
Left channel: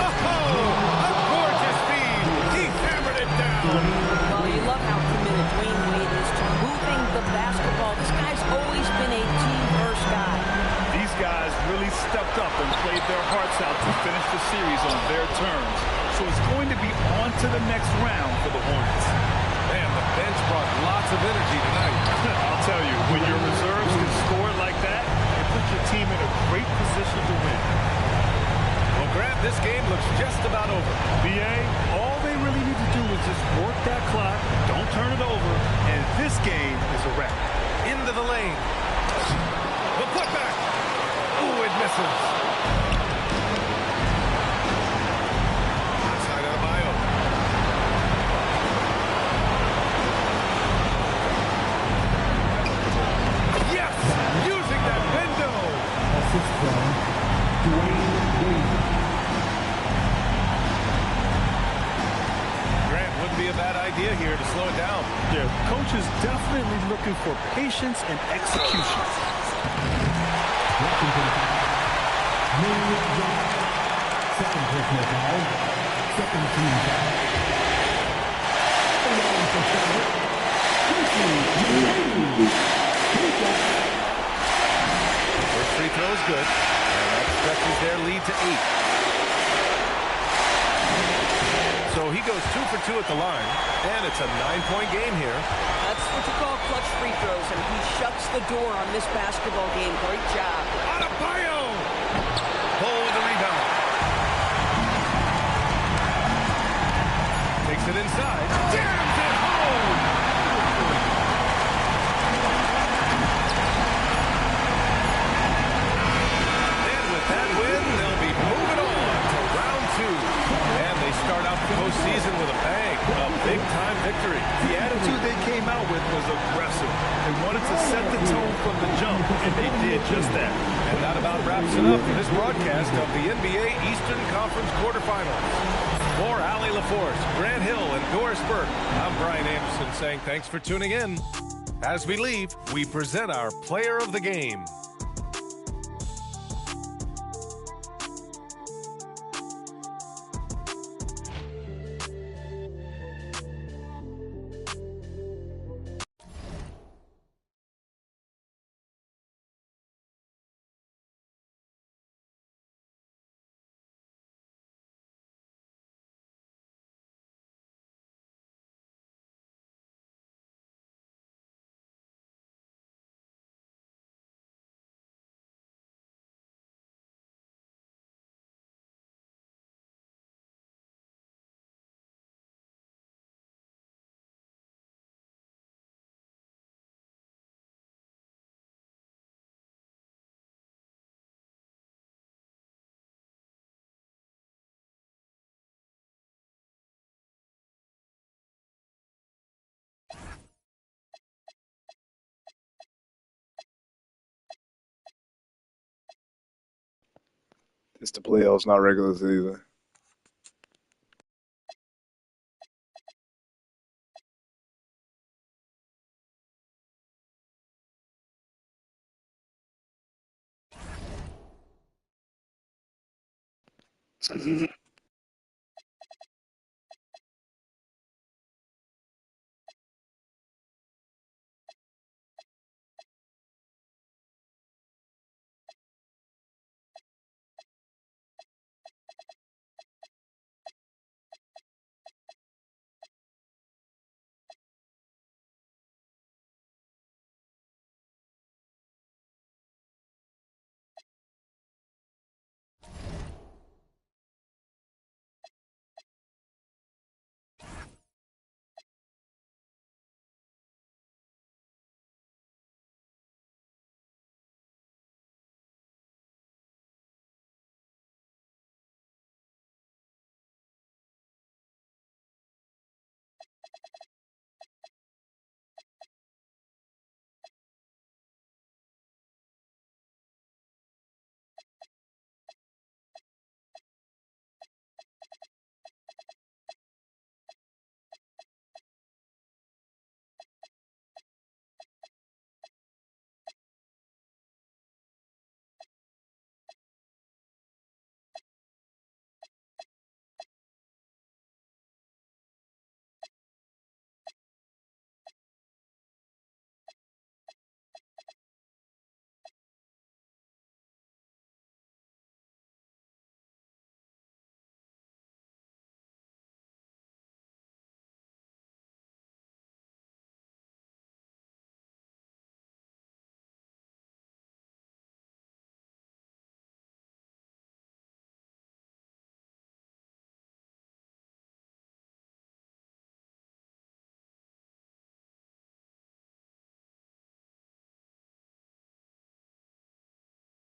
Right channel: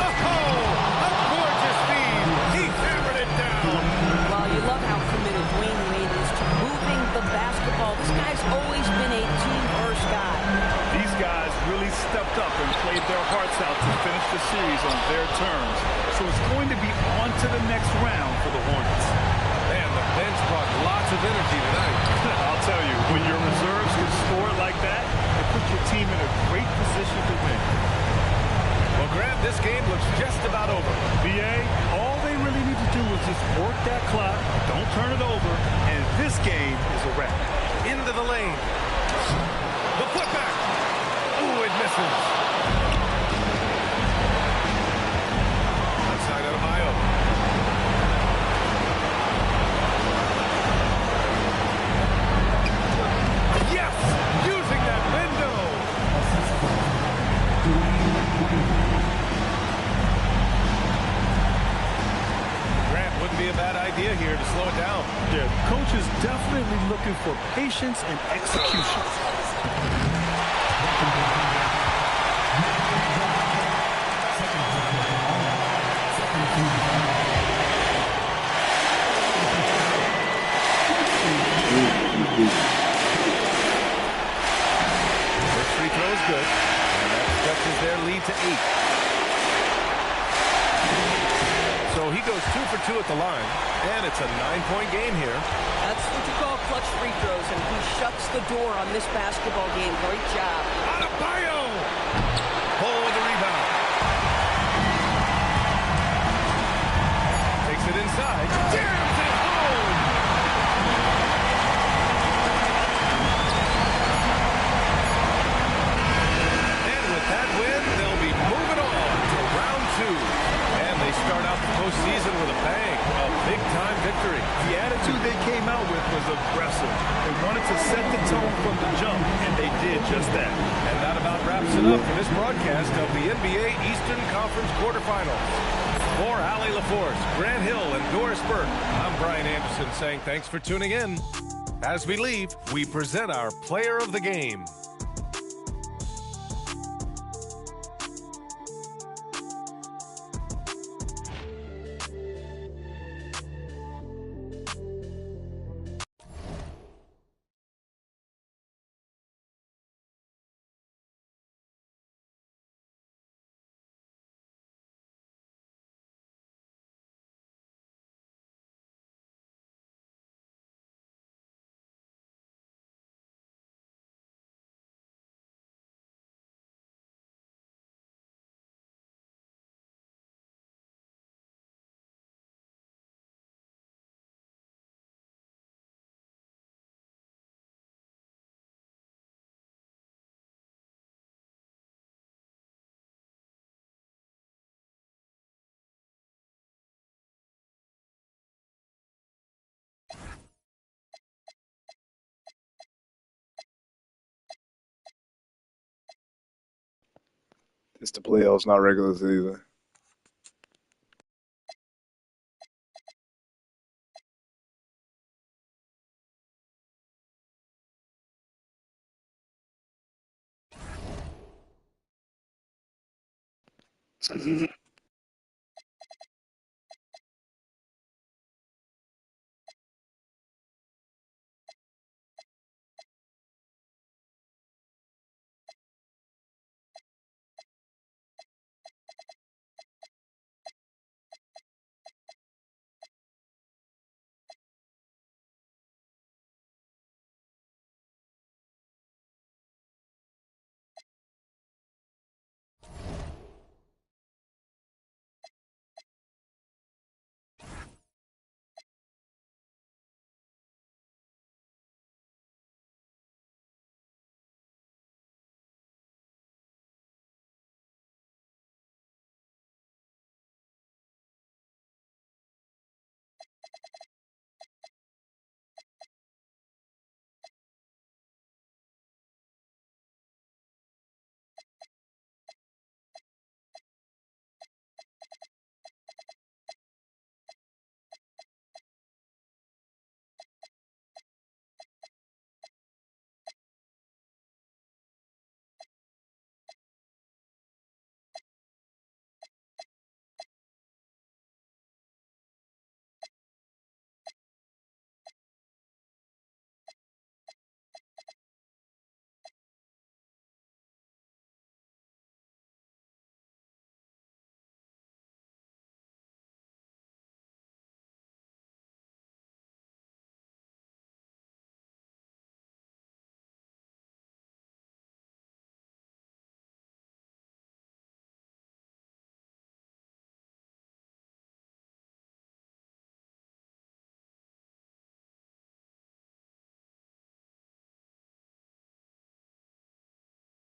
Oh, a gorgeous feed. He hammered it down. Well, you love how committed Dwayne Wade is to moving the basketball. This guy's always been a team-first guy. These guys really stepped up and played their hearts out to finish the series on their terms. So it's going to be on to the next round for the Hornets. Man, the bench brought lots of energy tonight. I'll tell you, when your reserves can score like that, it puts your team in a great position to win. Well, Grant, this game looks just about over. B.A., all they really need to do is just work that clock, don't turn it over, and this game is a wrap. Into the lane. The putback. Ooh, it misses. Outside out of Grant, wouldn't be a bad idea here to slow it down. Yeah, coach is definitely looking for patience and execution. Second team foul. First free throw is good, and that stretches their lead to 8. So he goes 2 for 2 at the line, and it's a 9-point game here. That's what you call clutch free throws, and he shuts the door on this basketball game. Great job. Adebayo! Pull with the rebound. Takes it inside. Jams it home! With that win, they'll be moving on to round 2. And they start out the postseason with a bang, a big-time victory. The attitude they came out with was aggressive. They wanted to set the tone from the jump, and they did just that. And that about wraps it up for this broadcast of the NBA Eastern Conference quarterfinals. For Allie LaForce, Grant Hill, and Doris Burke, I'm Brian Anderson saying thanks for tuning in. As we leave, we present our player of the game. It's the playoffs, not regular season. Mm-hmm.